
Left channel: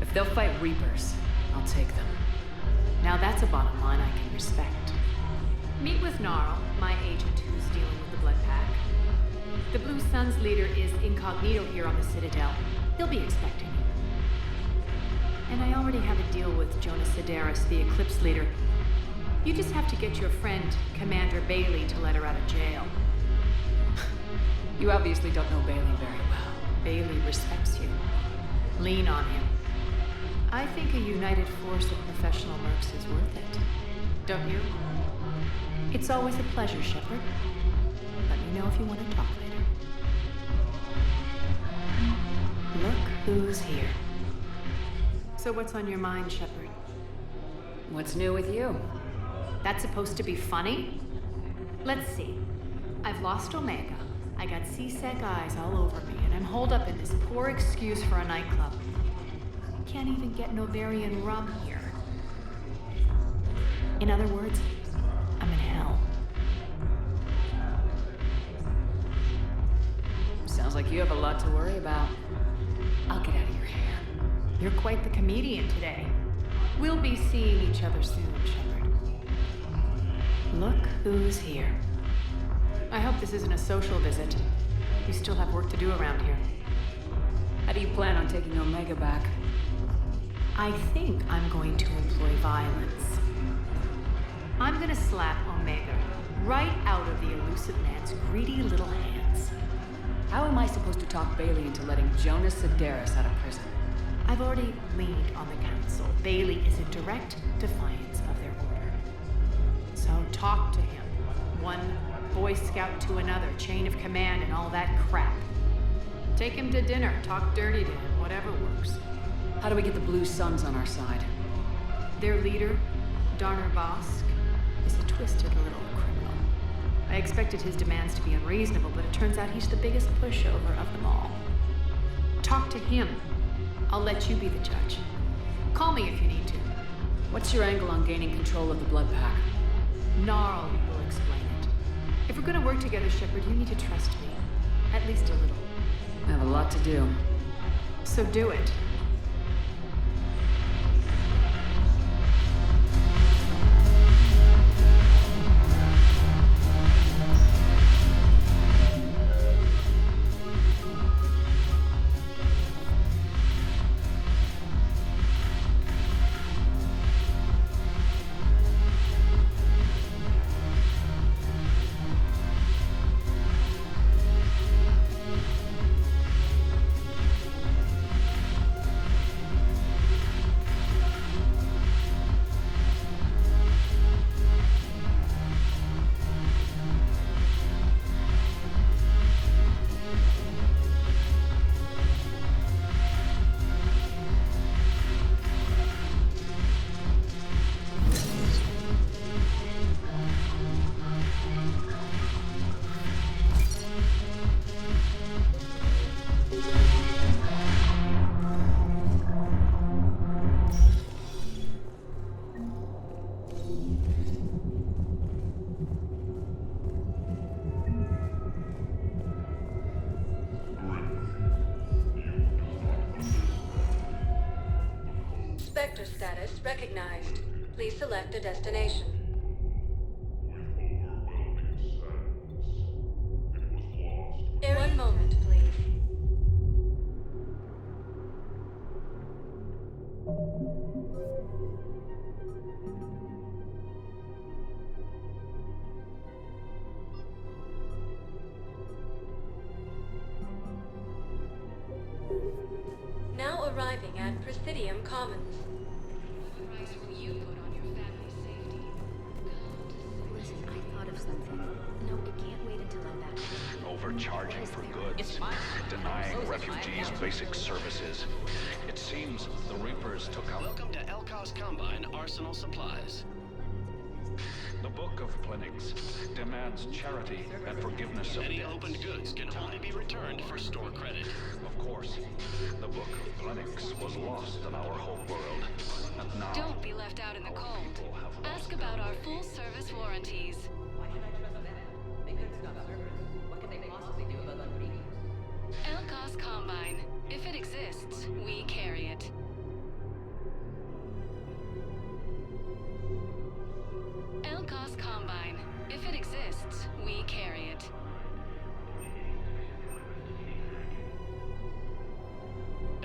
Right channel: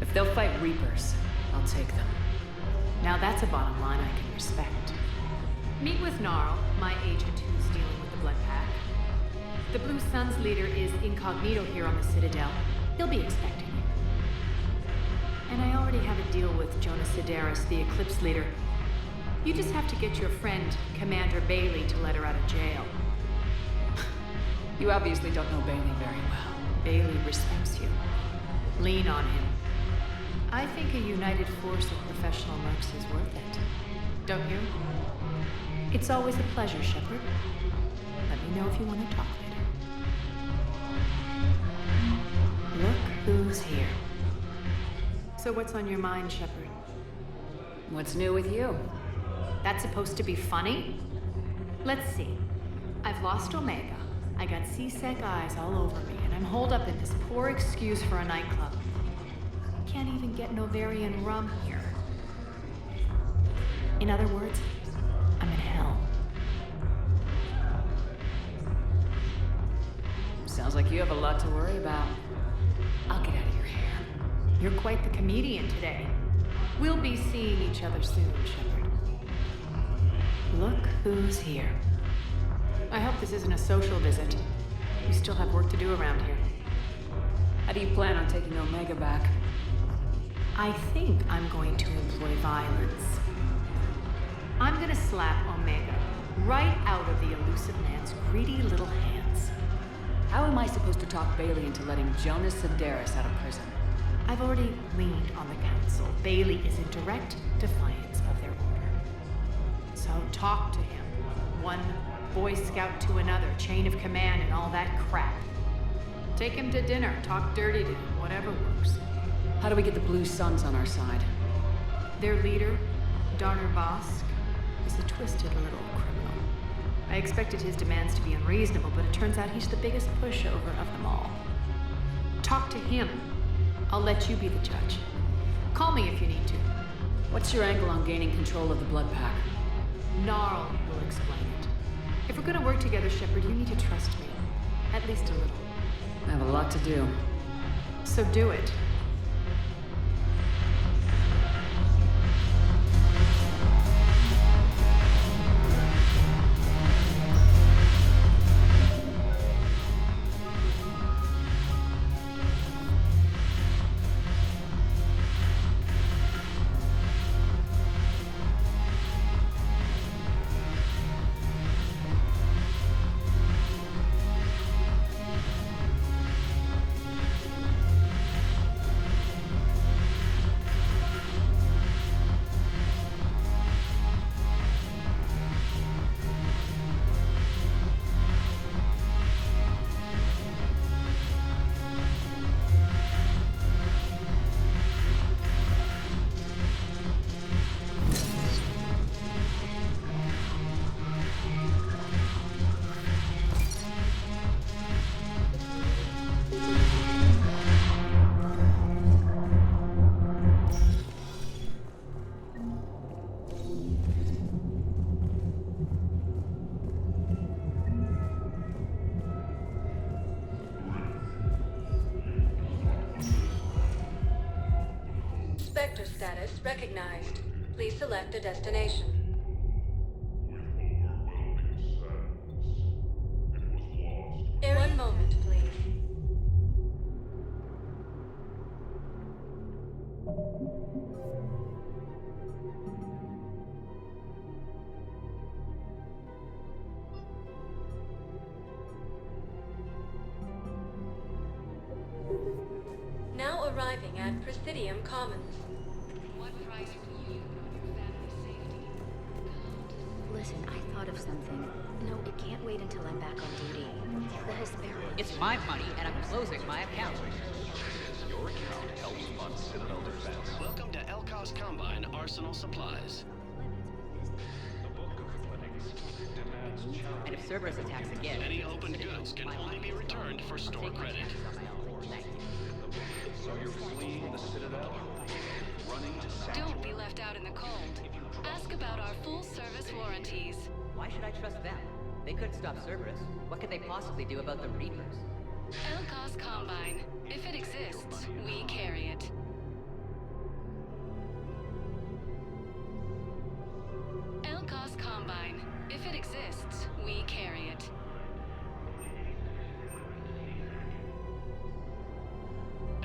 If they'll fight Reapers, I'll take them. Now that's a bottom line I can respect. Meet with Gnarl, my agent who's dealing with the Blood Pack. The Blue Suns leader is incognito here on the Citadel. He'll be expecting you. And I already have a deal with Jonas Sidaris, the Eclipse leader. You just have to get your friend, Commander Bailey, to let her out of jail. You obviously don't know Bailey very well. Bailey respects you. Lean on him. I think a united force of professional mercs is worth it. Don't you? It's always a pleasure, Shepard. Let me know if you want to talk later. Look who's here. So what's on your mind, Shepard? What's new with you? That's supposed to be funny? Let's see. I've lost Omega. I got C-Sec eyes all over me, and I'm holed up in this poor excuse for a nightclub. Can't even get Novarian rum here. In other words, I'm in hell. Sounds like you have a lot to worry about. I'll get out of your hair. You're quite the comedian today. We'll be seeing each other soon, Shepard. Look who's here. I hope this isn't a social visit. You still have work to do around here. How do you plan on taking Omega back? I think I'm going to employ violence. I'm gonna slap Omega right out of the elusive man's greedy little hands. How am I supposed to talk Bailey into letting Jonas Sidaris out of prison? I've already leaned on the Council. Bailey is in direct defiance of their order. So talk to him. One Boy Scout to another, chain of command and all that crap. Take him to dinner, talk dirty to him, whatever works. How do we get the Blue Suns on our side? Their leader, Darner Vosk, is a twisted little criminal. I expected his demands to be unreasonable, but it turns out he's the biggest pushover of them all. Talk to him. I'll let you be the judge. Call me if you need to. What's your angle on gaining control of the Blood Pack? Gnarl will explain it. If we're gonna work together, Shepard, you need to trust me. At least a little. I have a lot to do. So do it. recognized. Please select a destination. One moment, please. Now arriving at Presidium Commons. What price will you Overcharging for goods. It's my money. Denying refugees basic services. It seems the Reapers took out... Welcome to Elkos Combine Arsenal Supplies. The Book of Clinics demands charity and forgiveness. Any opened goods can only be returned for store credit. Of course, the Book of Clinics was lost in our home world. Don't be left out in the cold. Ask about our full-service warranties. Why should I trust them? They could stop Cerberus. What could they possibly do about the Reapers? Elkos Combine. If it exists, we carry it. Elkos Combine. If it exists, we carry it.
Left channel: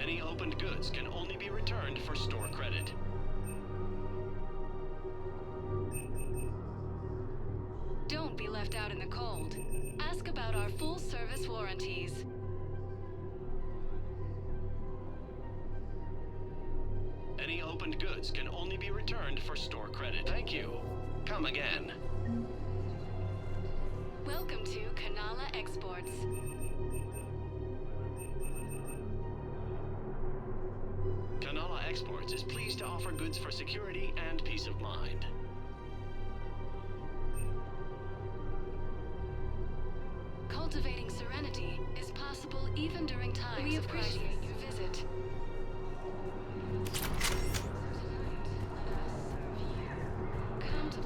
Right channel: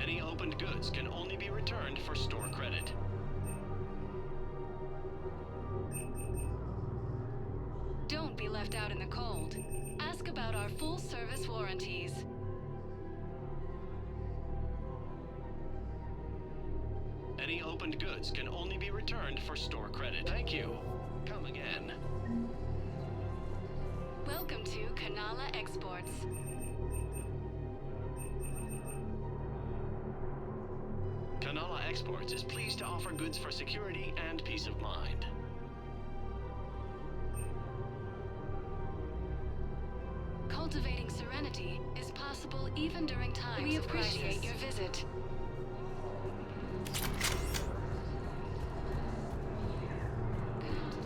Any opened goods can only be returned for store credit. Don't be left out in the cold. Ask about our full-service warranties. Any opened goods can only be returned for store credit. Thank you. Come again. Welcome to Kanala Exports. Kanala Exports is pleased to offer goods for security and peace of mind. Cultivating serenity is possible even during times of crisis. We appreciate your visit. Come to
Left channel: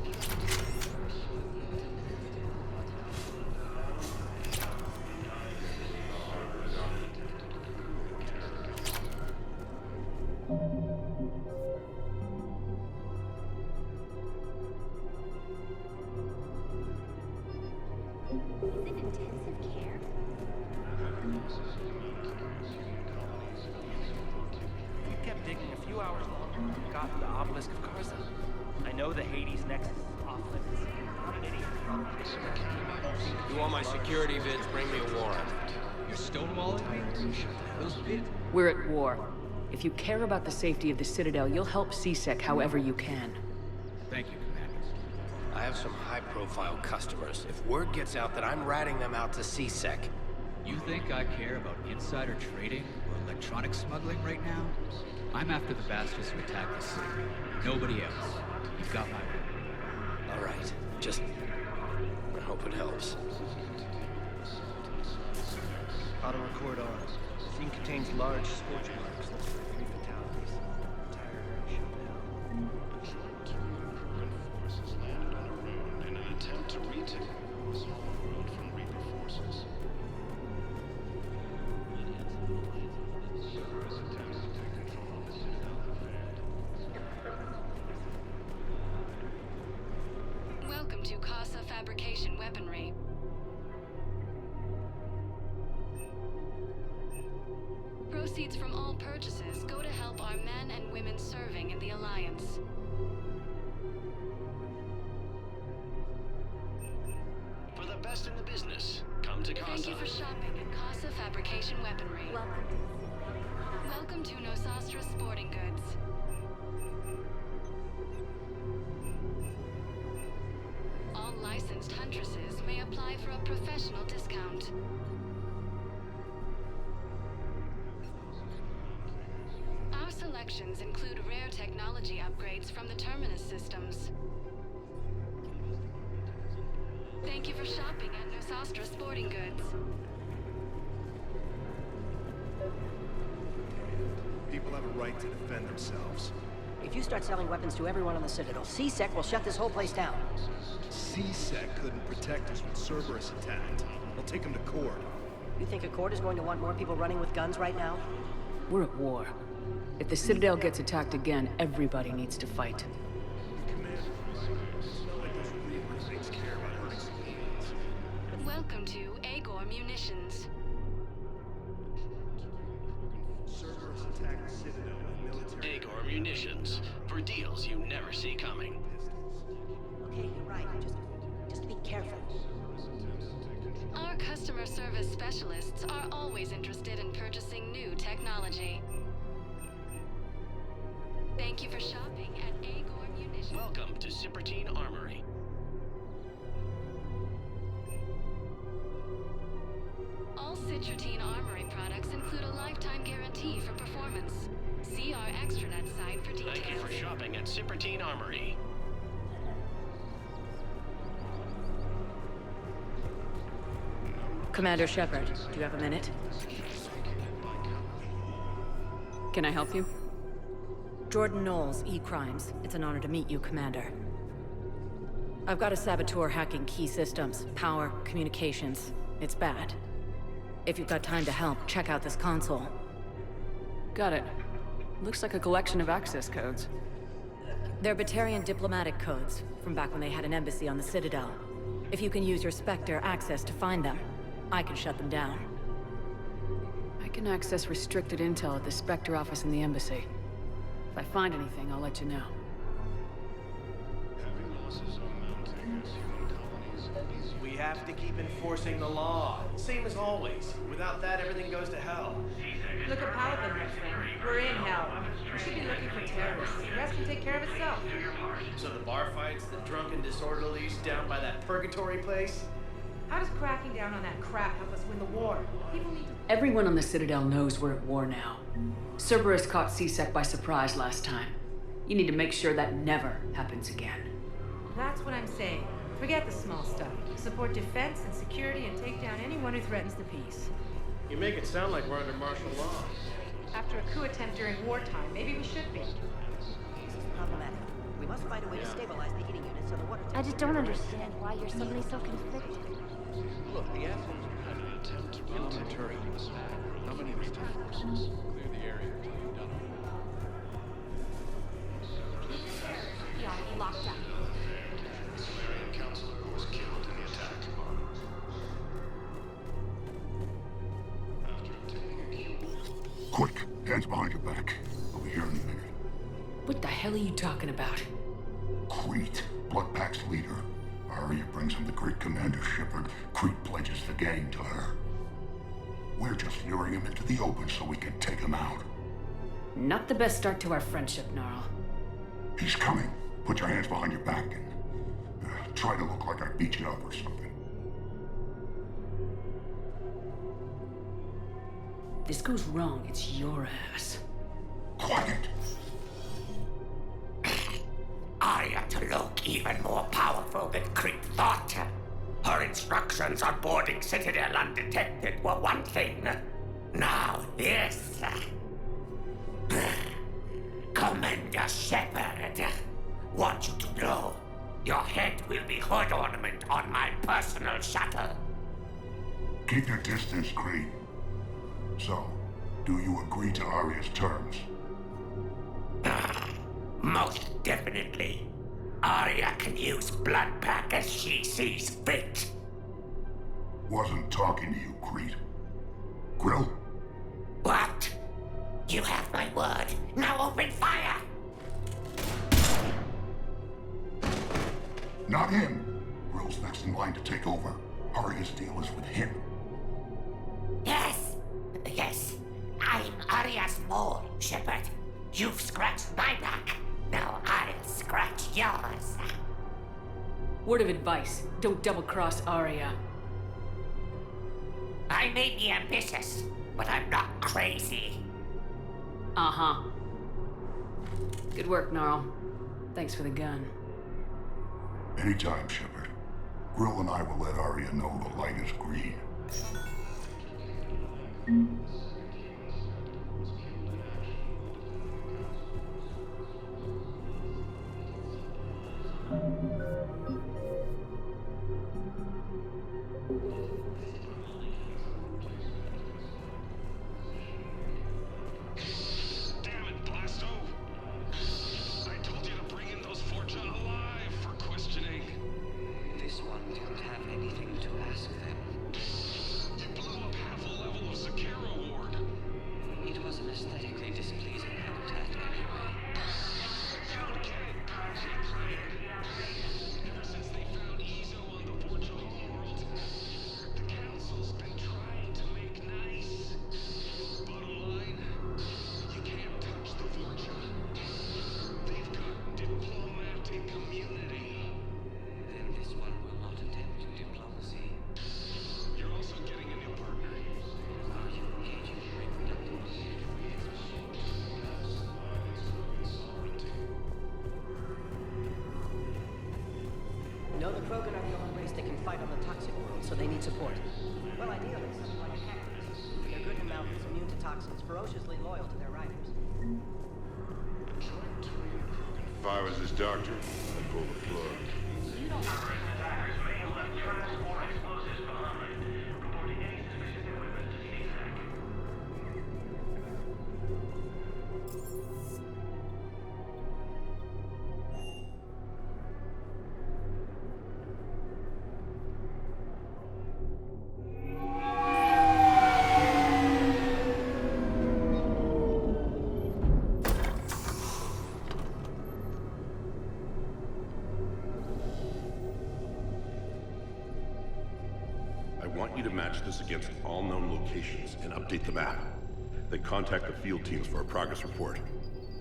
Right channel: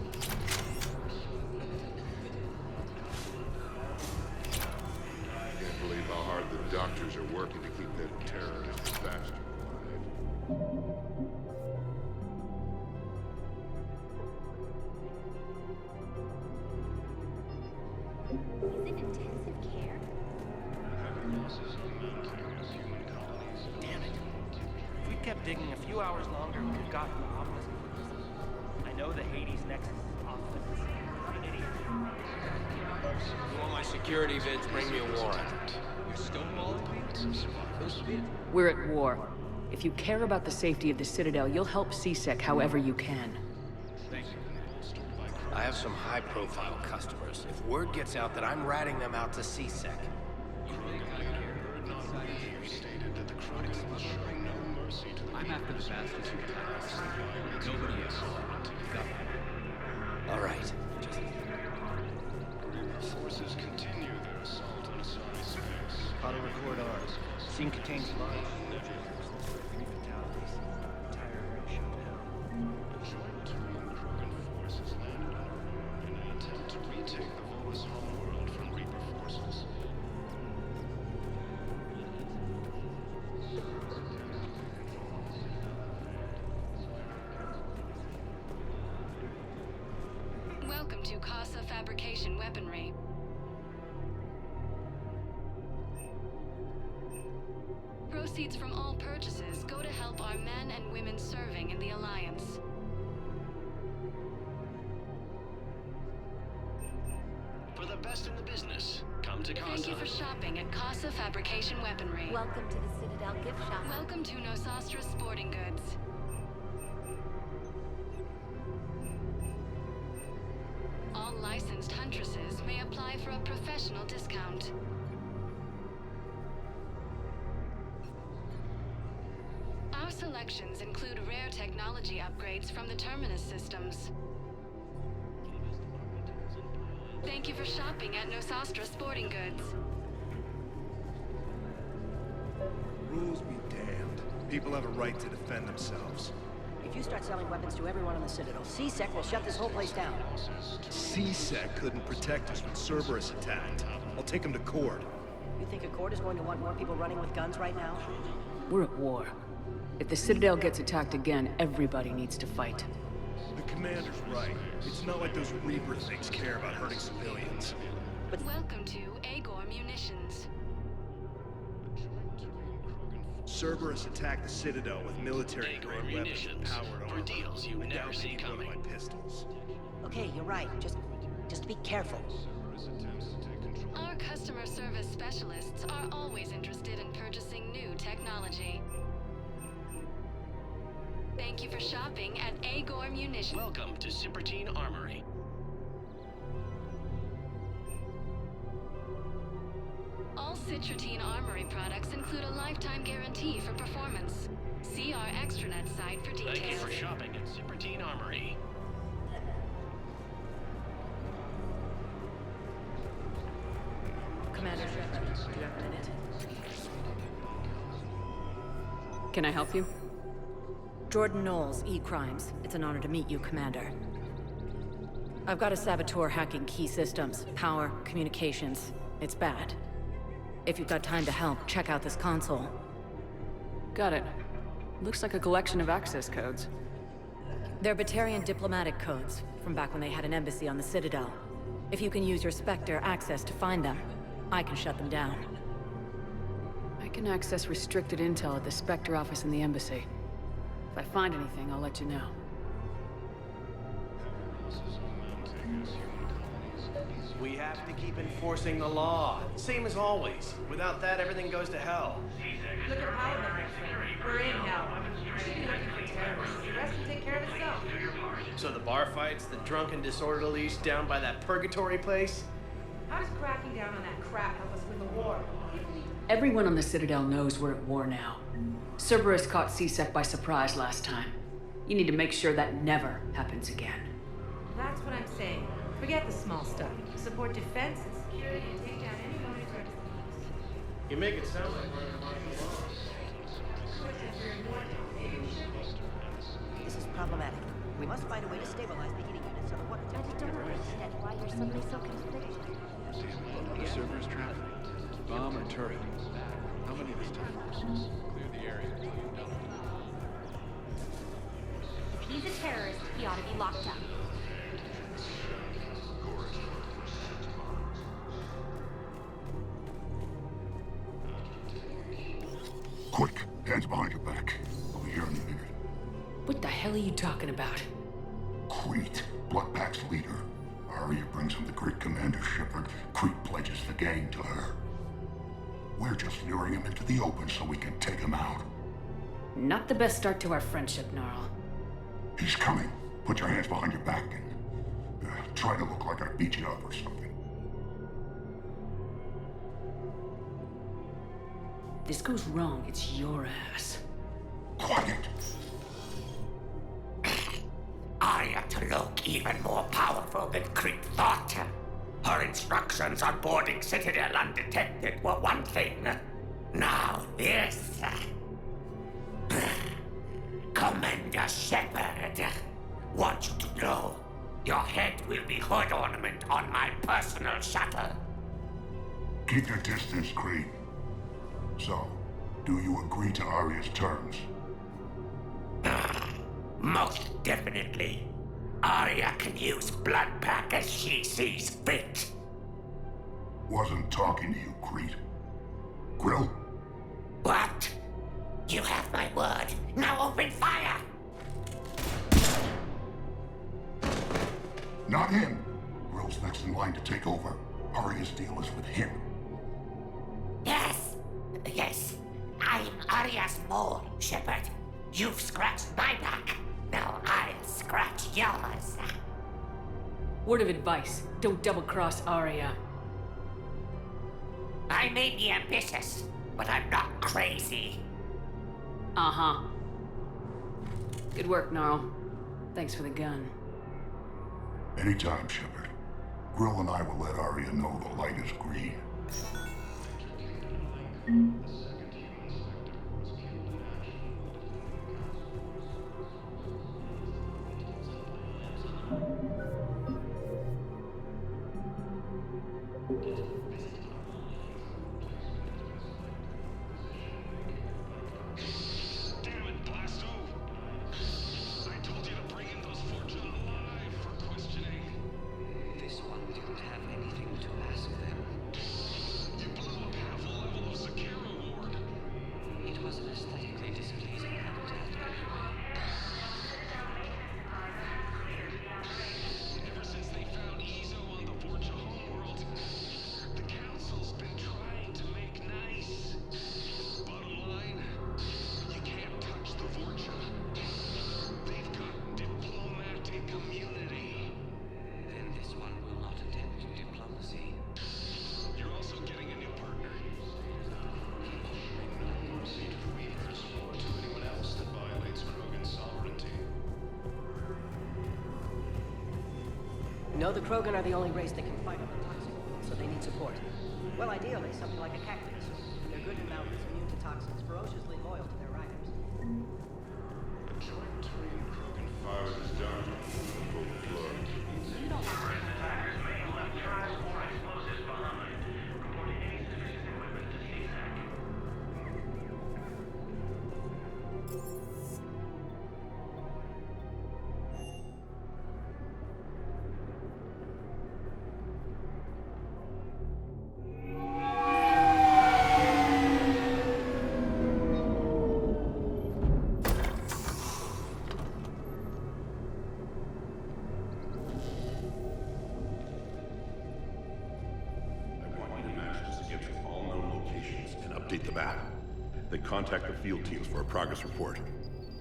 Can't believe how hard the doctors are working to keep that terror count fast. We've gotten the obelisk of Karza. I know the You want my security vids, bring me a warrant. You're stonewalling me? Those vids... We're at war. If you care about the safety of the Citadel, you'll help CSEC however you can. Thank you, Commander. I have some high-profile customers. If word gets out that I'm ratting them out to CSEC... You think I care about insider trading or electronic smuggling right now? I'm after the bastards who attacked the Citadel. Nobody else. You've got my word. All right. Just... I hope it helps. Forces continue their assault. Auto record on. Scene contains large... In an attempt to retake the vault. Welcome to Casa Fabrication Weaponry. Proceeds from all purchases go to help our men and women serving in the Alliance. For the best in the business, come to Casa. Thank you for shopping at Casa Fabrication Weaponry. Welcome to the Citadel gift shop. Welcome to Nosastra Sporting Goods. All licensed huntresses may apply for a professional discount. Our selections include rare technology upgrades from the Terminus systems. Thank you for shopping at Nosastra Sporting Goods. Rules be damned. People have a right to defend themselves. If you start selling weapons to everyone on the Citadel, CSEC will shut this whole place down. CSEC couldn't protect us when Cerberus attacked. I'll take him to court. You think Accord is going to want more people running with guns right now? We're at war. If the Citadel gets attacked again, everybody needs to fight. The commander's right. It's not like those Reaper things care about hurting civilians. Welcome to Agor Munitions. Cerberus attacked the Citadel with military Agor Munitions. For deals you never see coming. Pistols. Okay, you're right. Just be careful. Our customer service specialists are always interested in purchasing new technology. Thank you for shopping at Agor Munitions. Welcome to Cipertine Armory. All Citrotine Armory products include a lifetime guarantee for performance. See our extranet site for details. Thank you for shopping at Cipertine Armory. Commander Shepard, do you have a minute? Can I help you? Jordan Knowles, E-Crimes. It's an honor to meet you, Commander. I've got a saboteur hacking key systems, power, communications. It's bad. If you've got time to help, check out this console. Got it. Looks like a collection of access codes. They're Batarian diplomatic codes, from back when they had an embassy on the Citadel. If you can use your Spectre access to find them, I can shut them down. I can access restricted intel at the Spectre office in the embassy. If I find anything, I'll let you know. We have to keep enforcing the law, same as always. Without that, everything goes to hell. Look at Paladin, my friend. We're in hell. We should be looking for terrorists. The rest can take care of itself. So the bar fights, the drunken disorderlies down by that purgatory place? How does cracking down on that crap help us win the war? People need to... Everyone on the Citadel knows we're at war now. Cerberus caught C-Sec by surprise last time. You need to make sure that never happens again. That's what I'm saying. Forget the small stuff. Support defense and security and take down anyone who threatens the peace. You make it sound like we're under martial law. After a coup attempt during wartime, maybe we should be. This is problematic. I just don't understand. Other servers trying to If he's a terrorist, The Citadel have failed. The Solarian Council was killed in the attack. Quick, hands behind your back. We'll be here any minute. What the hell are you talking about? Crete, Blood Pack's leader. Arya brings him the great Commander Shepard. Crete pledges the gang to her. We're just luring him into the open so we can take him out. Not the best start to our friendship, Gnarl. He's coming. Put your hands behind your back and try to look like I beat you up or something. This goes wrong, it's your ass. Quiet. Arya to look even more powerful than Crete thought. Her instructions on boarding Citadel undetected were one thing. Now this. Commander Shepard, want you to know, your head will be hood ornament on my personal shuttle. Keep your distance, Crete. So, do you agree to Arya's terms? Most definitely. Arya can use Blood Pack as she sees fit. Wasn't talking to you, Crete. Grill? What? You have my word. Now open fire! Not him. Grill's next in line to take over. Arya's deal is with him. Yes. Yes. I'm Arya's mole, Shepard. You've scratched my back. Now I'll scratch yours. Word of advice, don't double-cross Arya. I may be ambitious, but I'm not crazy. Uh-huh. Good work, Gnarl. Thanks for the gun. Anytime, Shepard. Grill and I will let Arya know the light is green. Damn it, aesthetically displeasing habitat anyway. You don't get it, Project. Ever since they found Ezo on the Vorcha homeworld, the Council's been trying to make nice. Bottom line, you can't touch the Vorcha. They've got diplomatic immunity. Then this one will not attempt diplomacy. You're also getting a new partner. No mercy to the Reapers or to anyone else that violates Krogan's sovereignty. No, the Krogan are the only race that can fight on the toxic world, so they well, ideal is something like a cactus. Ian Nebula. If I was his doctor, I want you to match this against all known locations and update the map. Then contact the field teams for...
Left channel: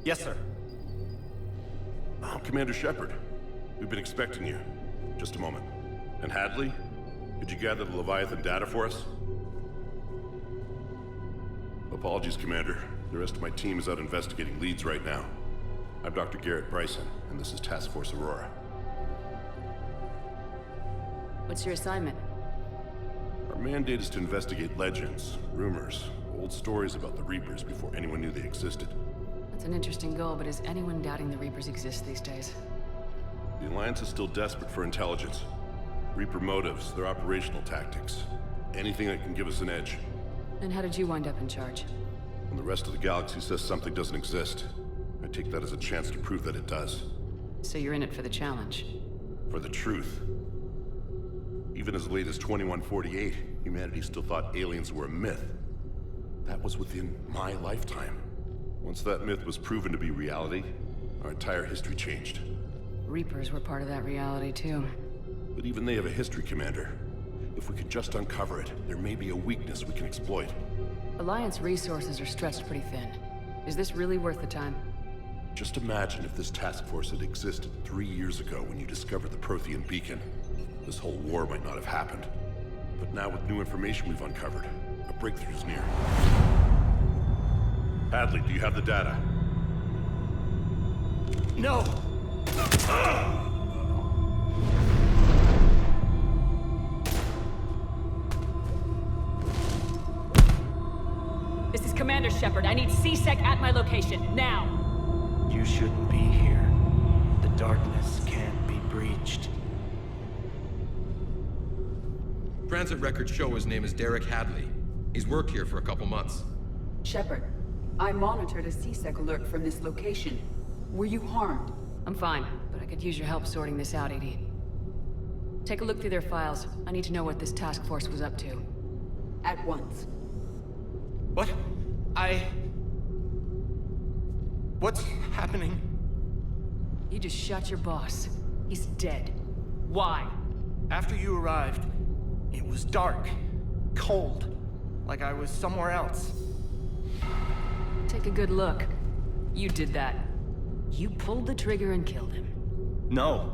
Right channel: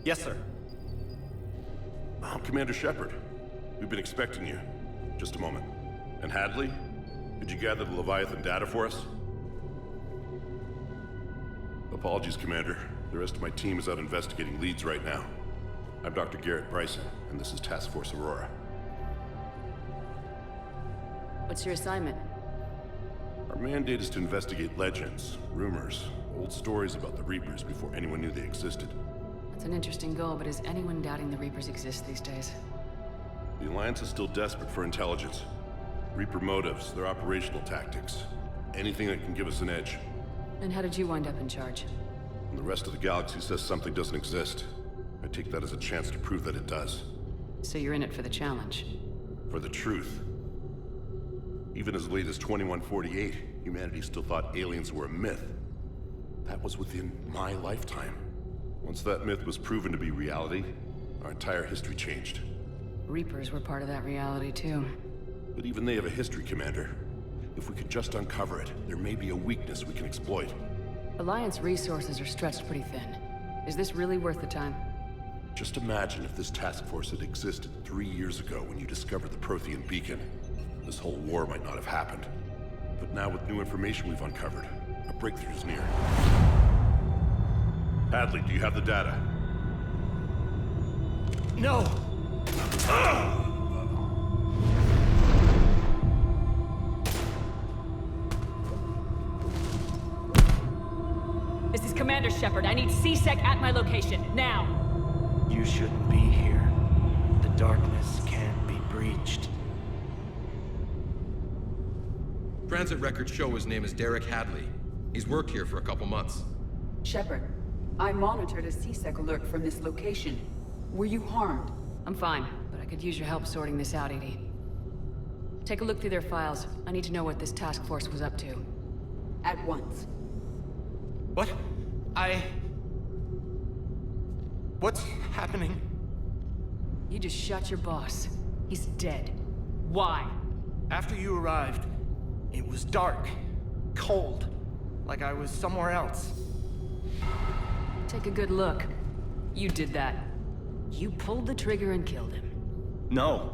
Yes, sir. Oh, Commander Shepard. We've been expecting you. Just a moment. And Hadley? Could you gather the Leviathan data for us? Apologies, Commander. The rest of my team is out investigating leads right now. I'm Dr. Garrett Bryson, and this is Task Force Aurora. What's your assignment? Our mandate is to investigate legends, rumors, old stories about the Reapers before anyone knew they existed. That's an interesting goal, but is anyone doubting the Reapers exist these days? The Alliance is still desperate for intelligence. Reaper motives, their operational tactics. Anything that can give us an edge. And how did you wind up in charge? When the rest of the galaxy says something doesn't exist, I take that as a chance to prove that it does. So you're in it for the challenge? For the truth. Even as late as 2148, humanity still thought aliens were a myth. That was within my lifetime. Once that myth was proven to be reality, our entire history changed. Reapers were part of that reality, too. But even they have a history, Commander. If we can just uncover it, there may be a weakness we can exploit. Alliance resources are stretched pretty thin. Is this really worth the time? Just imagine if this task force had existed 3 years ago when you discovered the Prothean beacon. This whole war might not have happened. But now with new information we've uncovered, a breakthrough's near. Hadley, do you have the data? No! This is Commander Shepard. I need C-Sec at my location, now! You shouldn't be here. The darkness can't be breached. Transit records show his name is Derek Hadley. He's worked here for a couple months. Shepard, I monitored a C-Sec alert from this location. Were you harmed? I'm fine, but I could use your help sorting this out, EDI. Take a look through their files. I need to know what this task force was up to. At once. What? What's happening? You just shot your boss. He's dead. Why? After you arrived, it was dark, cold, like I was somewhere else. Take a good look. You did that. You pulled the trigger and killed him. No.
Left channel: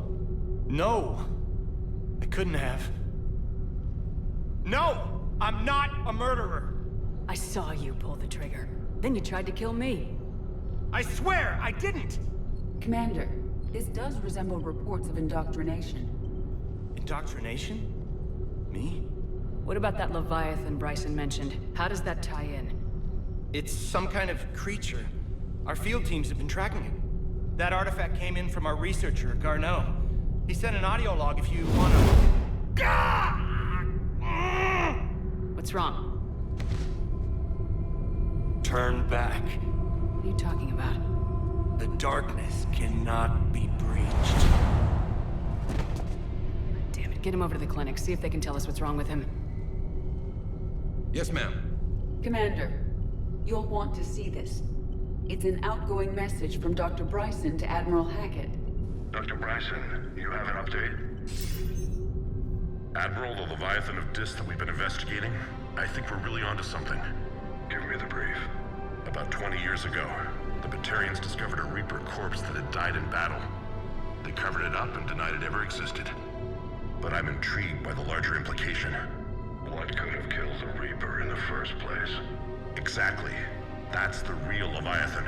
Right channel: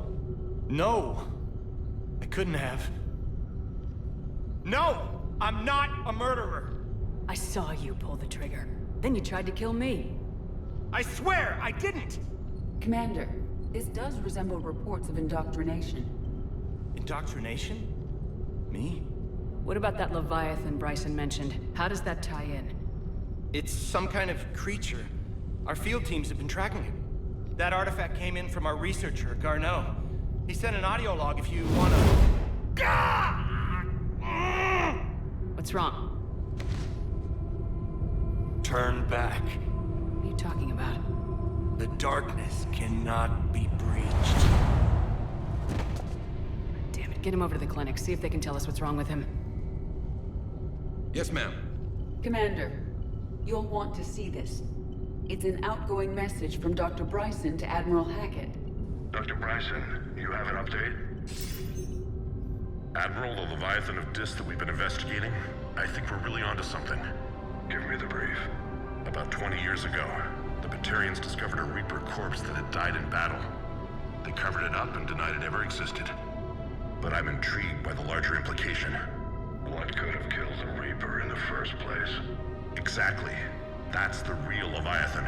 No! I couldn't have. No! I'm not a murderer! I saw you pull the trigger. Then you tried to kill me. I swear I didn't! Commander, this does resemble reports of indoctrination. Indoctrination? Me? What about that Leviathan Bryson mentioned? How does that tie in? It's some kind of creature. Our field teams have been tracking it. That artifact came in from our researcher, Garneau. He sent an audio log if you wanna... What's wrong? Turn back. What are you talking about? The darkness cannot be breached. Damn it, get him over to the clinic. See if they can tell us what's wrong with him. Yes, ma'am. Commander, You'll want to see this. It's an outgoing message from Dr. Bryson to Admiral Hackett. Dr. Bryson, you have an update? Admiral, the Leviathan of Dis that we've been investigating, I think we're really onto something. Give me the brief. About 20 years ago, the Batarians discovered a Reaper corpse that had died in battle. They covered it up and denied it ever existed. But I'm intrigued by the larger implication. What could have killed the Reaper in the first place? Exactly. That's the real Leviathan.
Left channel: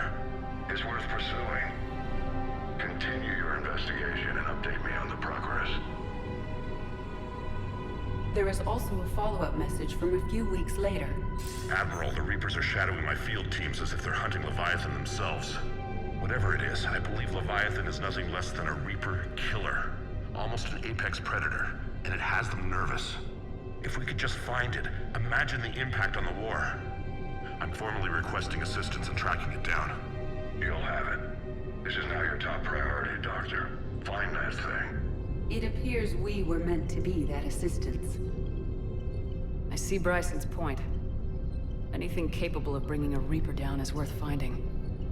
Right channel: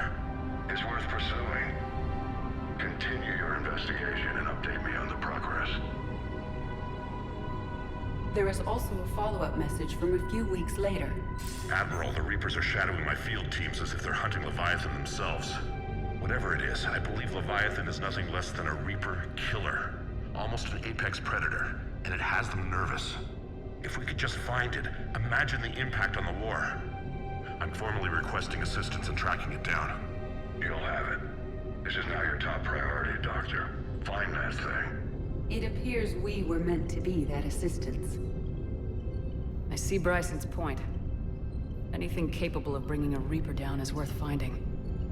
It's worth pursuing. Continue your investigation and update me on the progress. There is also a follow-up message from a few weeks later. Admiral, the Reapers are shadowing my field teams as if they're hunting Leviathan themselves. Whatever it is, I believe Leviathan is nothing less than a Reaper killer. Almost an apex predator, and it has them nervous. If we could just find it, imagine the impact on the war. I'm formally requesting assistance in tracking it down. You'll have it. This is now your top priority, Doctor. Find that thing. It appears we were meant to be that assistance. I see Bryson's point. Anything capable of bringing a Reaper down is worth finding.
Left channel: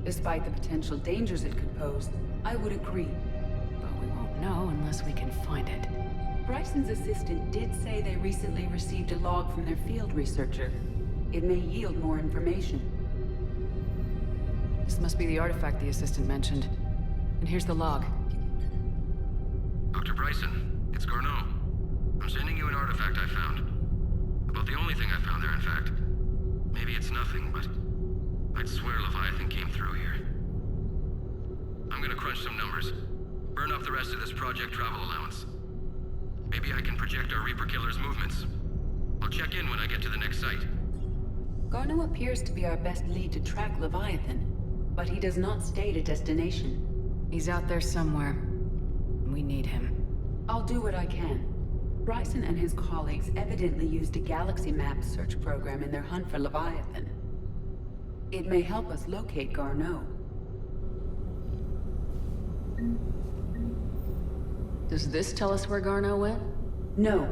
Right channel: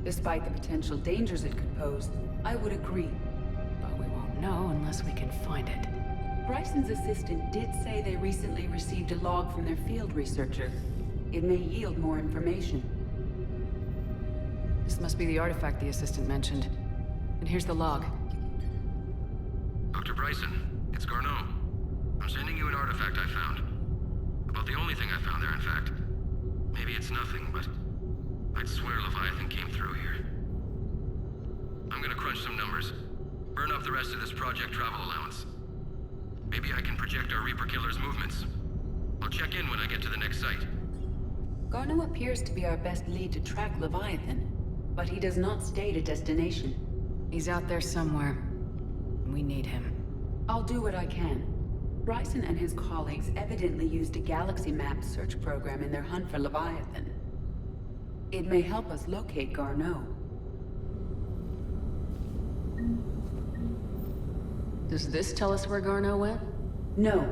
Despite the potential dangers it could pose, I would agree. But we won't know unless we can find it. Bryson's assistant did say they recently received a log from their field researcher. It may yield more information. This must be the artifact the assistant mentioned. And here's the log. Dr. Bryson, it's Garneau. I'm sending you an artifact I found. About the only thing I found there, in fact. Maybe it's nothing, but I'd swear Leviathan came through here. I'm gonna crunch some numbers. Burn up the rest of this project travel allowance. Maybe I can project our Reaper killer's movements. I'll check in when I get to the next site. Garneau appears to be our best lead to track Leviathan, but he does not state a destination. He's out there somewhere. We need him. I'll do what I can. Bryson and his colleagues evidently used a galaxy map search program in their hunt for Leviathan. It may help us locate Garneau. Does this tell us where Garneau went? No.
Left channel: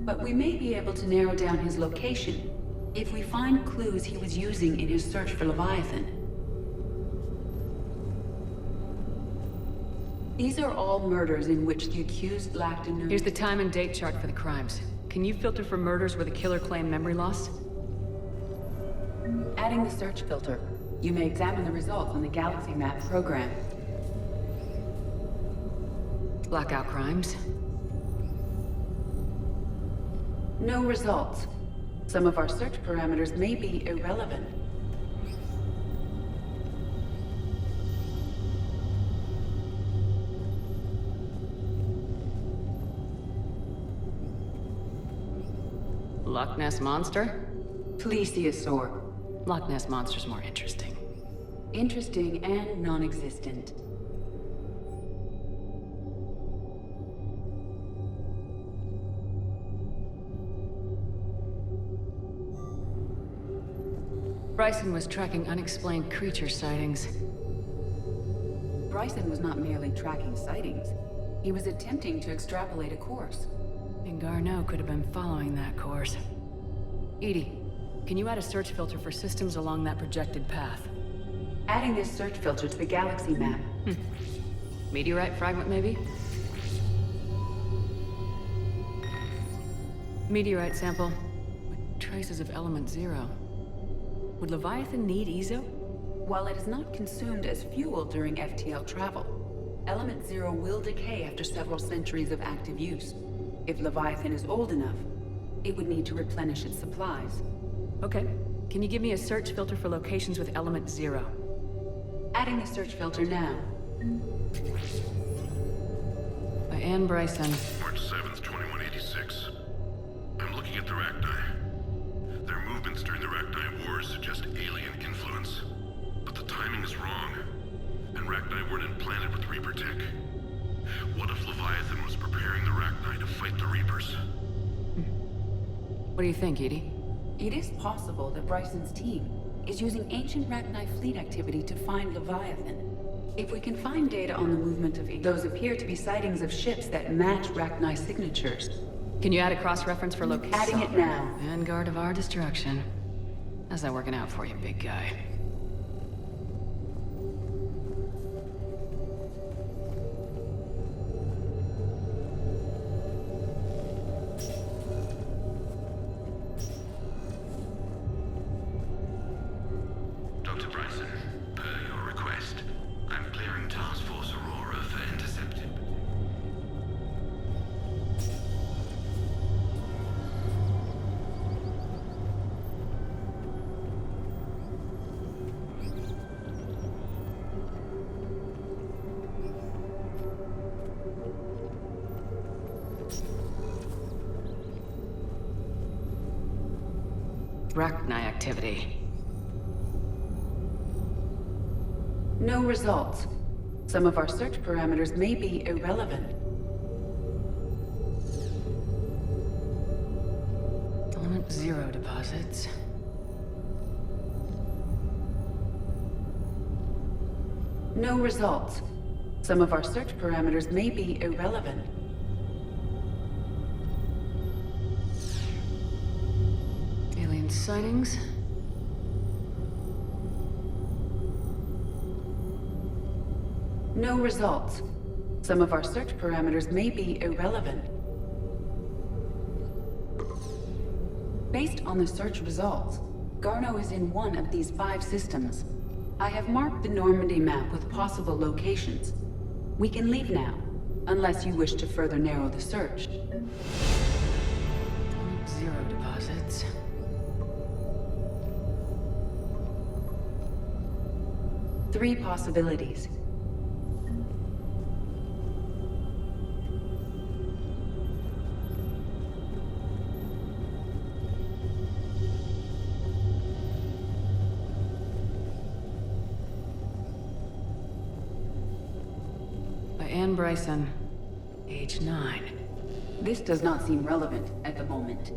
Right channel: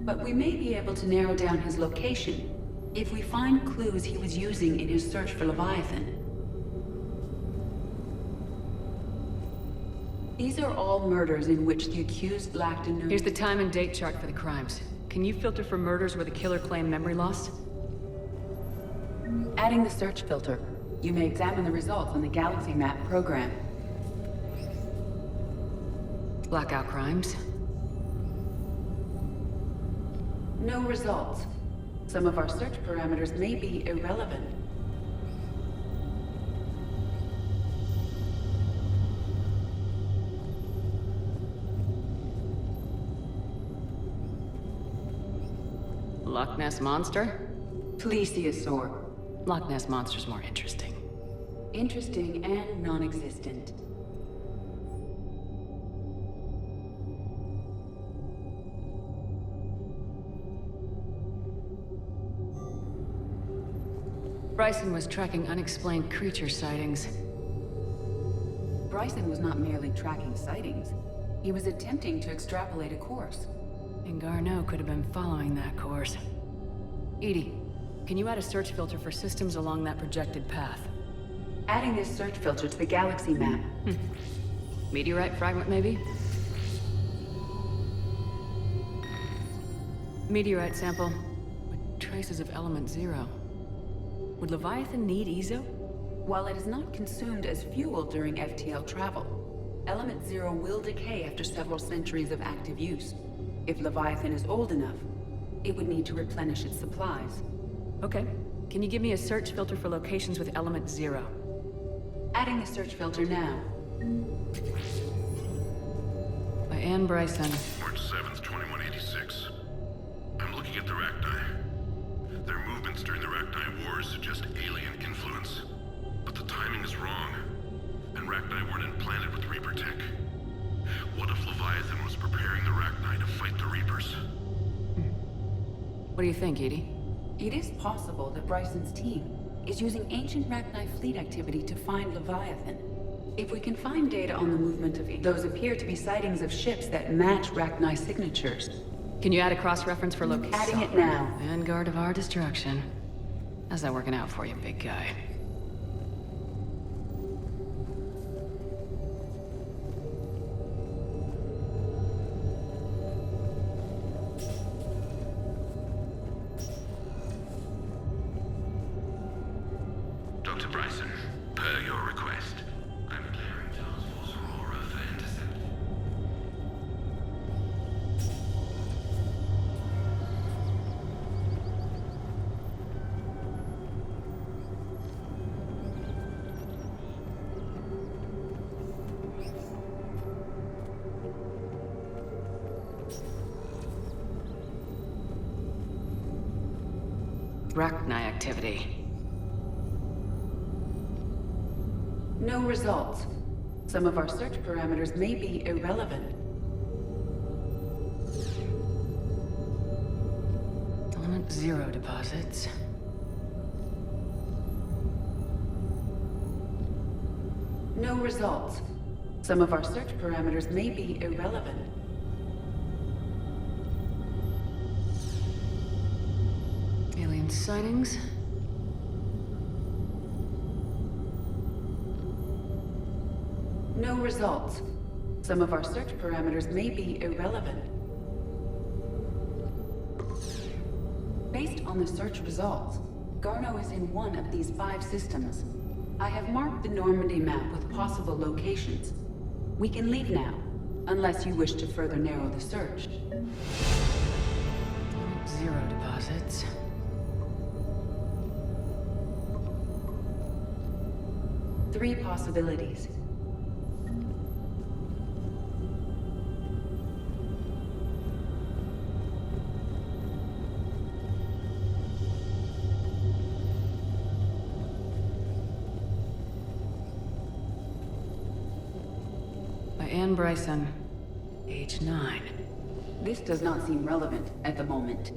But we may be able to narrow down his location if we find clues he was using in his search for Leviathan. These are all murders in which the accused lacked a... Here's the time and date chart for the crimes. Can you filter for murders where the killer claimed memory loss? Adding the search filter, you may examine the results on the Galaxy Map program. Blackout crimes. No results. Some of our search parameters may be irrelevant. Loch Ness Monster? Plesiosaur. Loch Ness Monster's more interesting. Interesting and non-existent. Bryson was tracking unexplained creature sightings. Bryson was not merely tracking sightings. He was attempting to extrapolate a course. And Garneau could have been following that course. EDI, can you add a search filter for systems along that projected path? Adding this search filter to the galaxy map. Meteorite fragment, maybe? Meteorite sample with traces of element 0. Would Leviathan need Ezo? While it is not consumed as fuel during FTL travel, element 0 will decay after several centuries of active use. If Leviathan is old enough, it would need to replenish its supplies. Okay. Can you give me a search filter for locations with element 0? Adding the search filter now. By Anne Bryson. March 7th, 2186. I'm looking at the Rachni. Their movements during the Rachni Wars suggest alien influence. But the timing is wrong. And Rachni weren't implanted with Reaper tech. What if Leviathan was preparing the Rachni to fight the Reapers? What do you think, EDI? It is possible that Bryson's team is using ancient Rachni fleet activity to find Leviathan. If we can find data on the movement of those appear to be sightings of ships that match Rachni signatures. Can you add a cross-reference for location? Sovereign. Vanguard of our destruction. How's that working out for you, big guy? Dr. Bryson, per your request, I'm clearing Task Force Aurora for intercepted. Rachni activity. No results. Some of our search parameters may be irrelevant. Element 0 deposits. No results. Some of our search parameters may be irrelevant. Alien sightings. No results. Some of our search parameters may be irrelevant. Based on the search results, Garneau is in one of these 5 systems. I have marked the Normandy map with possible locations. We can leave now, unless you wish to further narrow the search. Element 0 deposits. Three possibilities. By Anne Bryson, age 9. This does not seem relevant at the moment.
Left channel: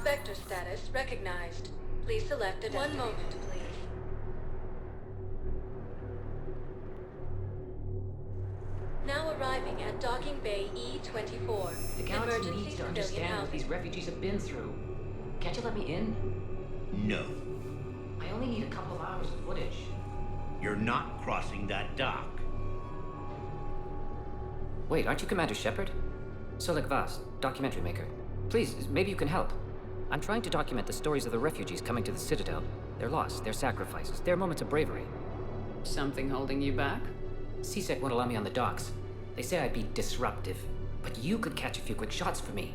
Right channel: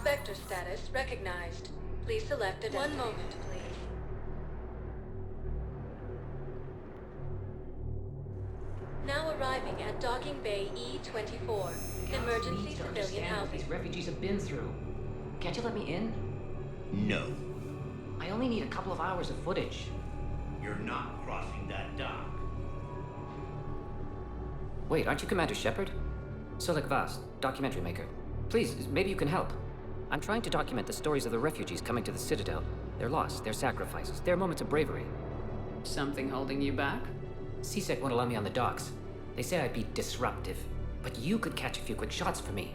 Spectre status recognized. Please select a... One moment, please. Now arriving at Docking Bay E-24. The galaxy needs to understand what these refugees have been through. Can't you let me in? No. I only need a couple of hours of footage. You're not crossing that dock. Wait, aren't you Commander Shepard? Solik Vast, documentary maker. Please, maybe you can help. I'm trying to document the stories of the refugees coming to the Citadel. Their loss, their sacrifices, their moments of bravery. Something holding you back? CSEC won't allow me on the docks. They say I'd be disruptive. But you could catch a few quick shots for me.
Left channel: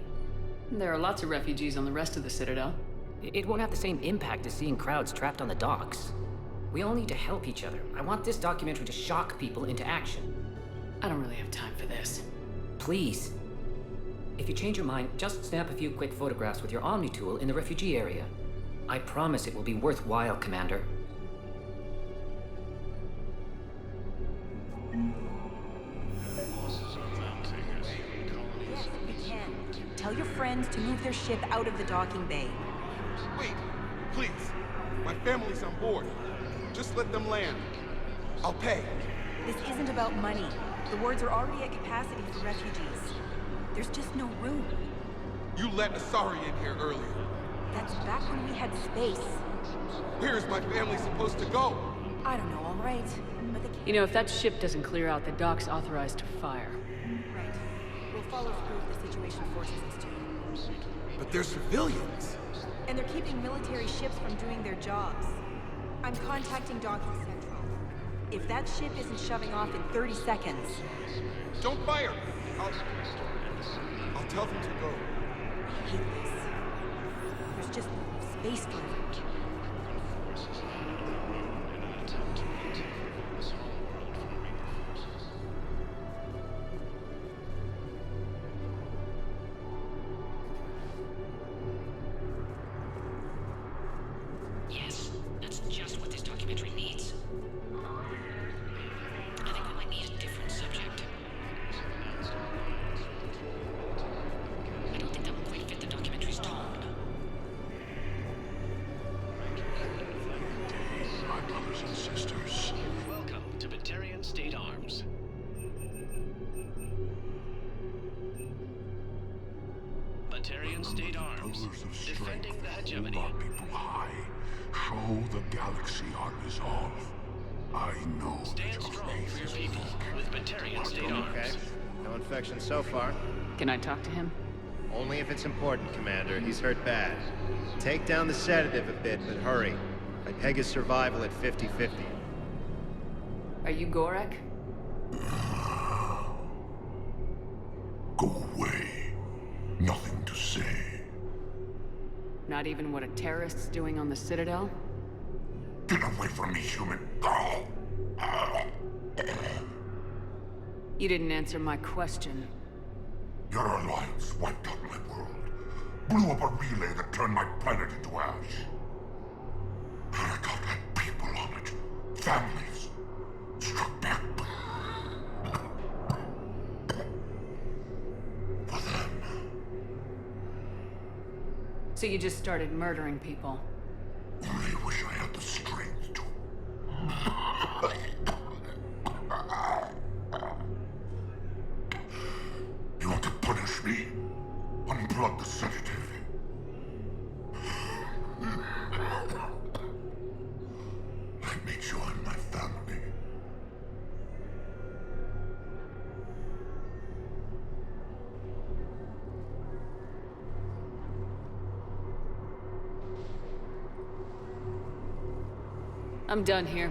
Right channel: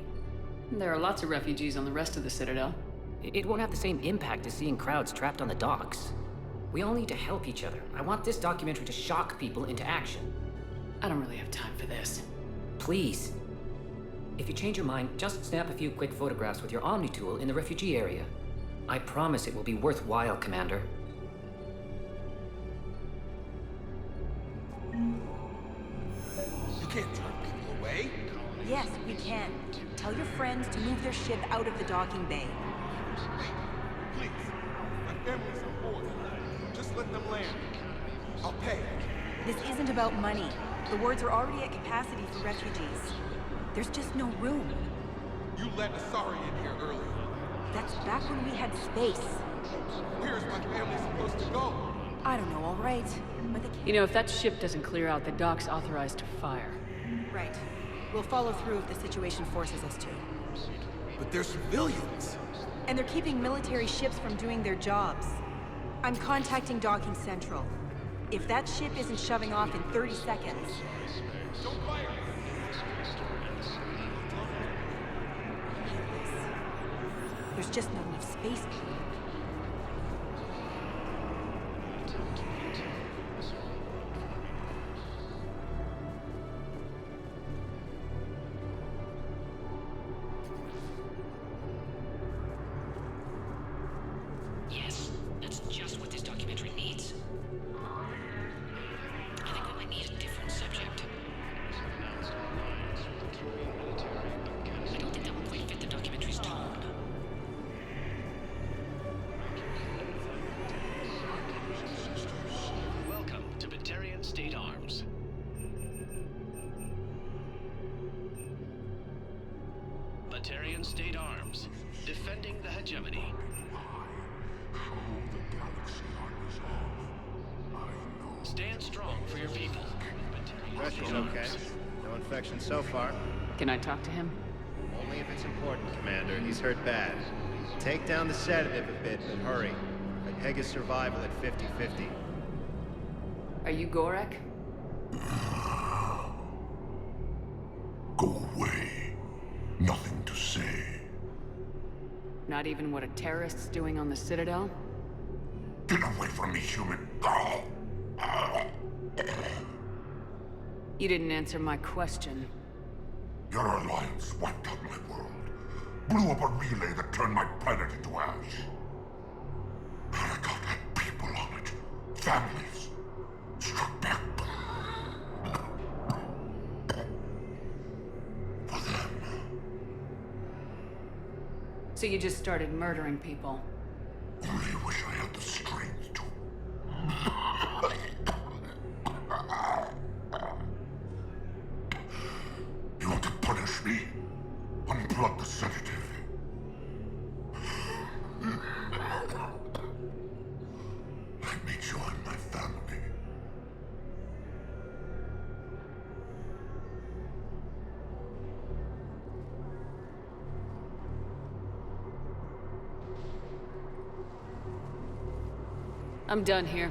There are lots of refugees on the rest of the Citadel. It won't have the same impact as seeing crowds trapped on the docks. We all need to help each other. I want this documentary to shock people into action. I don't really have time for this. Please. If you change your mind, just snap a few quick photographs with your Omni tool in the refugee area. I promise it will be worthwhile, Commander. You can't away? Yes, we can. Tell your friends to move their ship out of the docking bay. Wait, please. My family's on board. Just let them land. I'll pay. This isn't about money. The wards are already at capacity for refugees. There's just no room. You let Asari in here earlier. That's back when we had space. Where is my family supposed to go? I don't know, all right. But they can't... You know, if that ship doesn't clear out, the dock's authorized to fire. Right. We'll follow through if the situation forces us to. But they're civilians. And they're keeping military ships from doing their jobs. I'm contacting Docking Central. If that ship isn't shoving off in 30 seconds... Don't fire! tell them to go. I hate this. There's just not enough space for everyone. Yes, that's just what this documentary needs. I think we might need a different subject. I don't think that will quite fit the documentary's tone. Maintain, my brothers and sisters. Welcome to Batarian State Arms. Batarian State Arms, defending the hegemony. Hold our people high. Show the galaxy our resolve. I know. Stand strong for your people with Batarian State Pressure's okay. No infection so far. Can I talk to him? Only if it's important, Commander. He's hurt bad. Take down the sedative a bit, but hurry. I peg his survival at 50-50. Are you Gorek? Go away. Nothing to say. Not even what a terrorist's doing on the Citadel? Get away from me, human. You didn't answer my question. Your alliance wiped out my world. Blew up a relay that turned my planet into ash. Aragorn had people on it. Families. Struck back. For them. So you just started murdering people? Only wish I had the strength to. You want to punish me? Unplug the sedative. Let me join my family. I'm done here.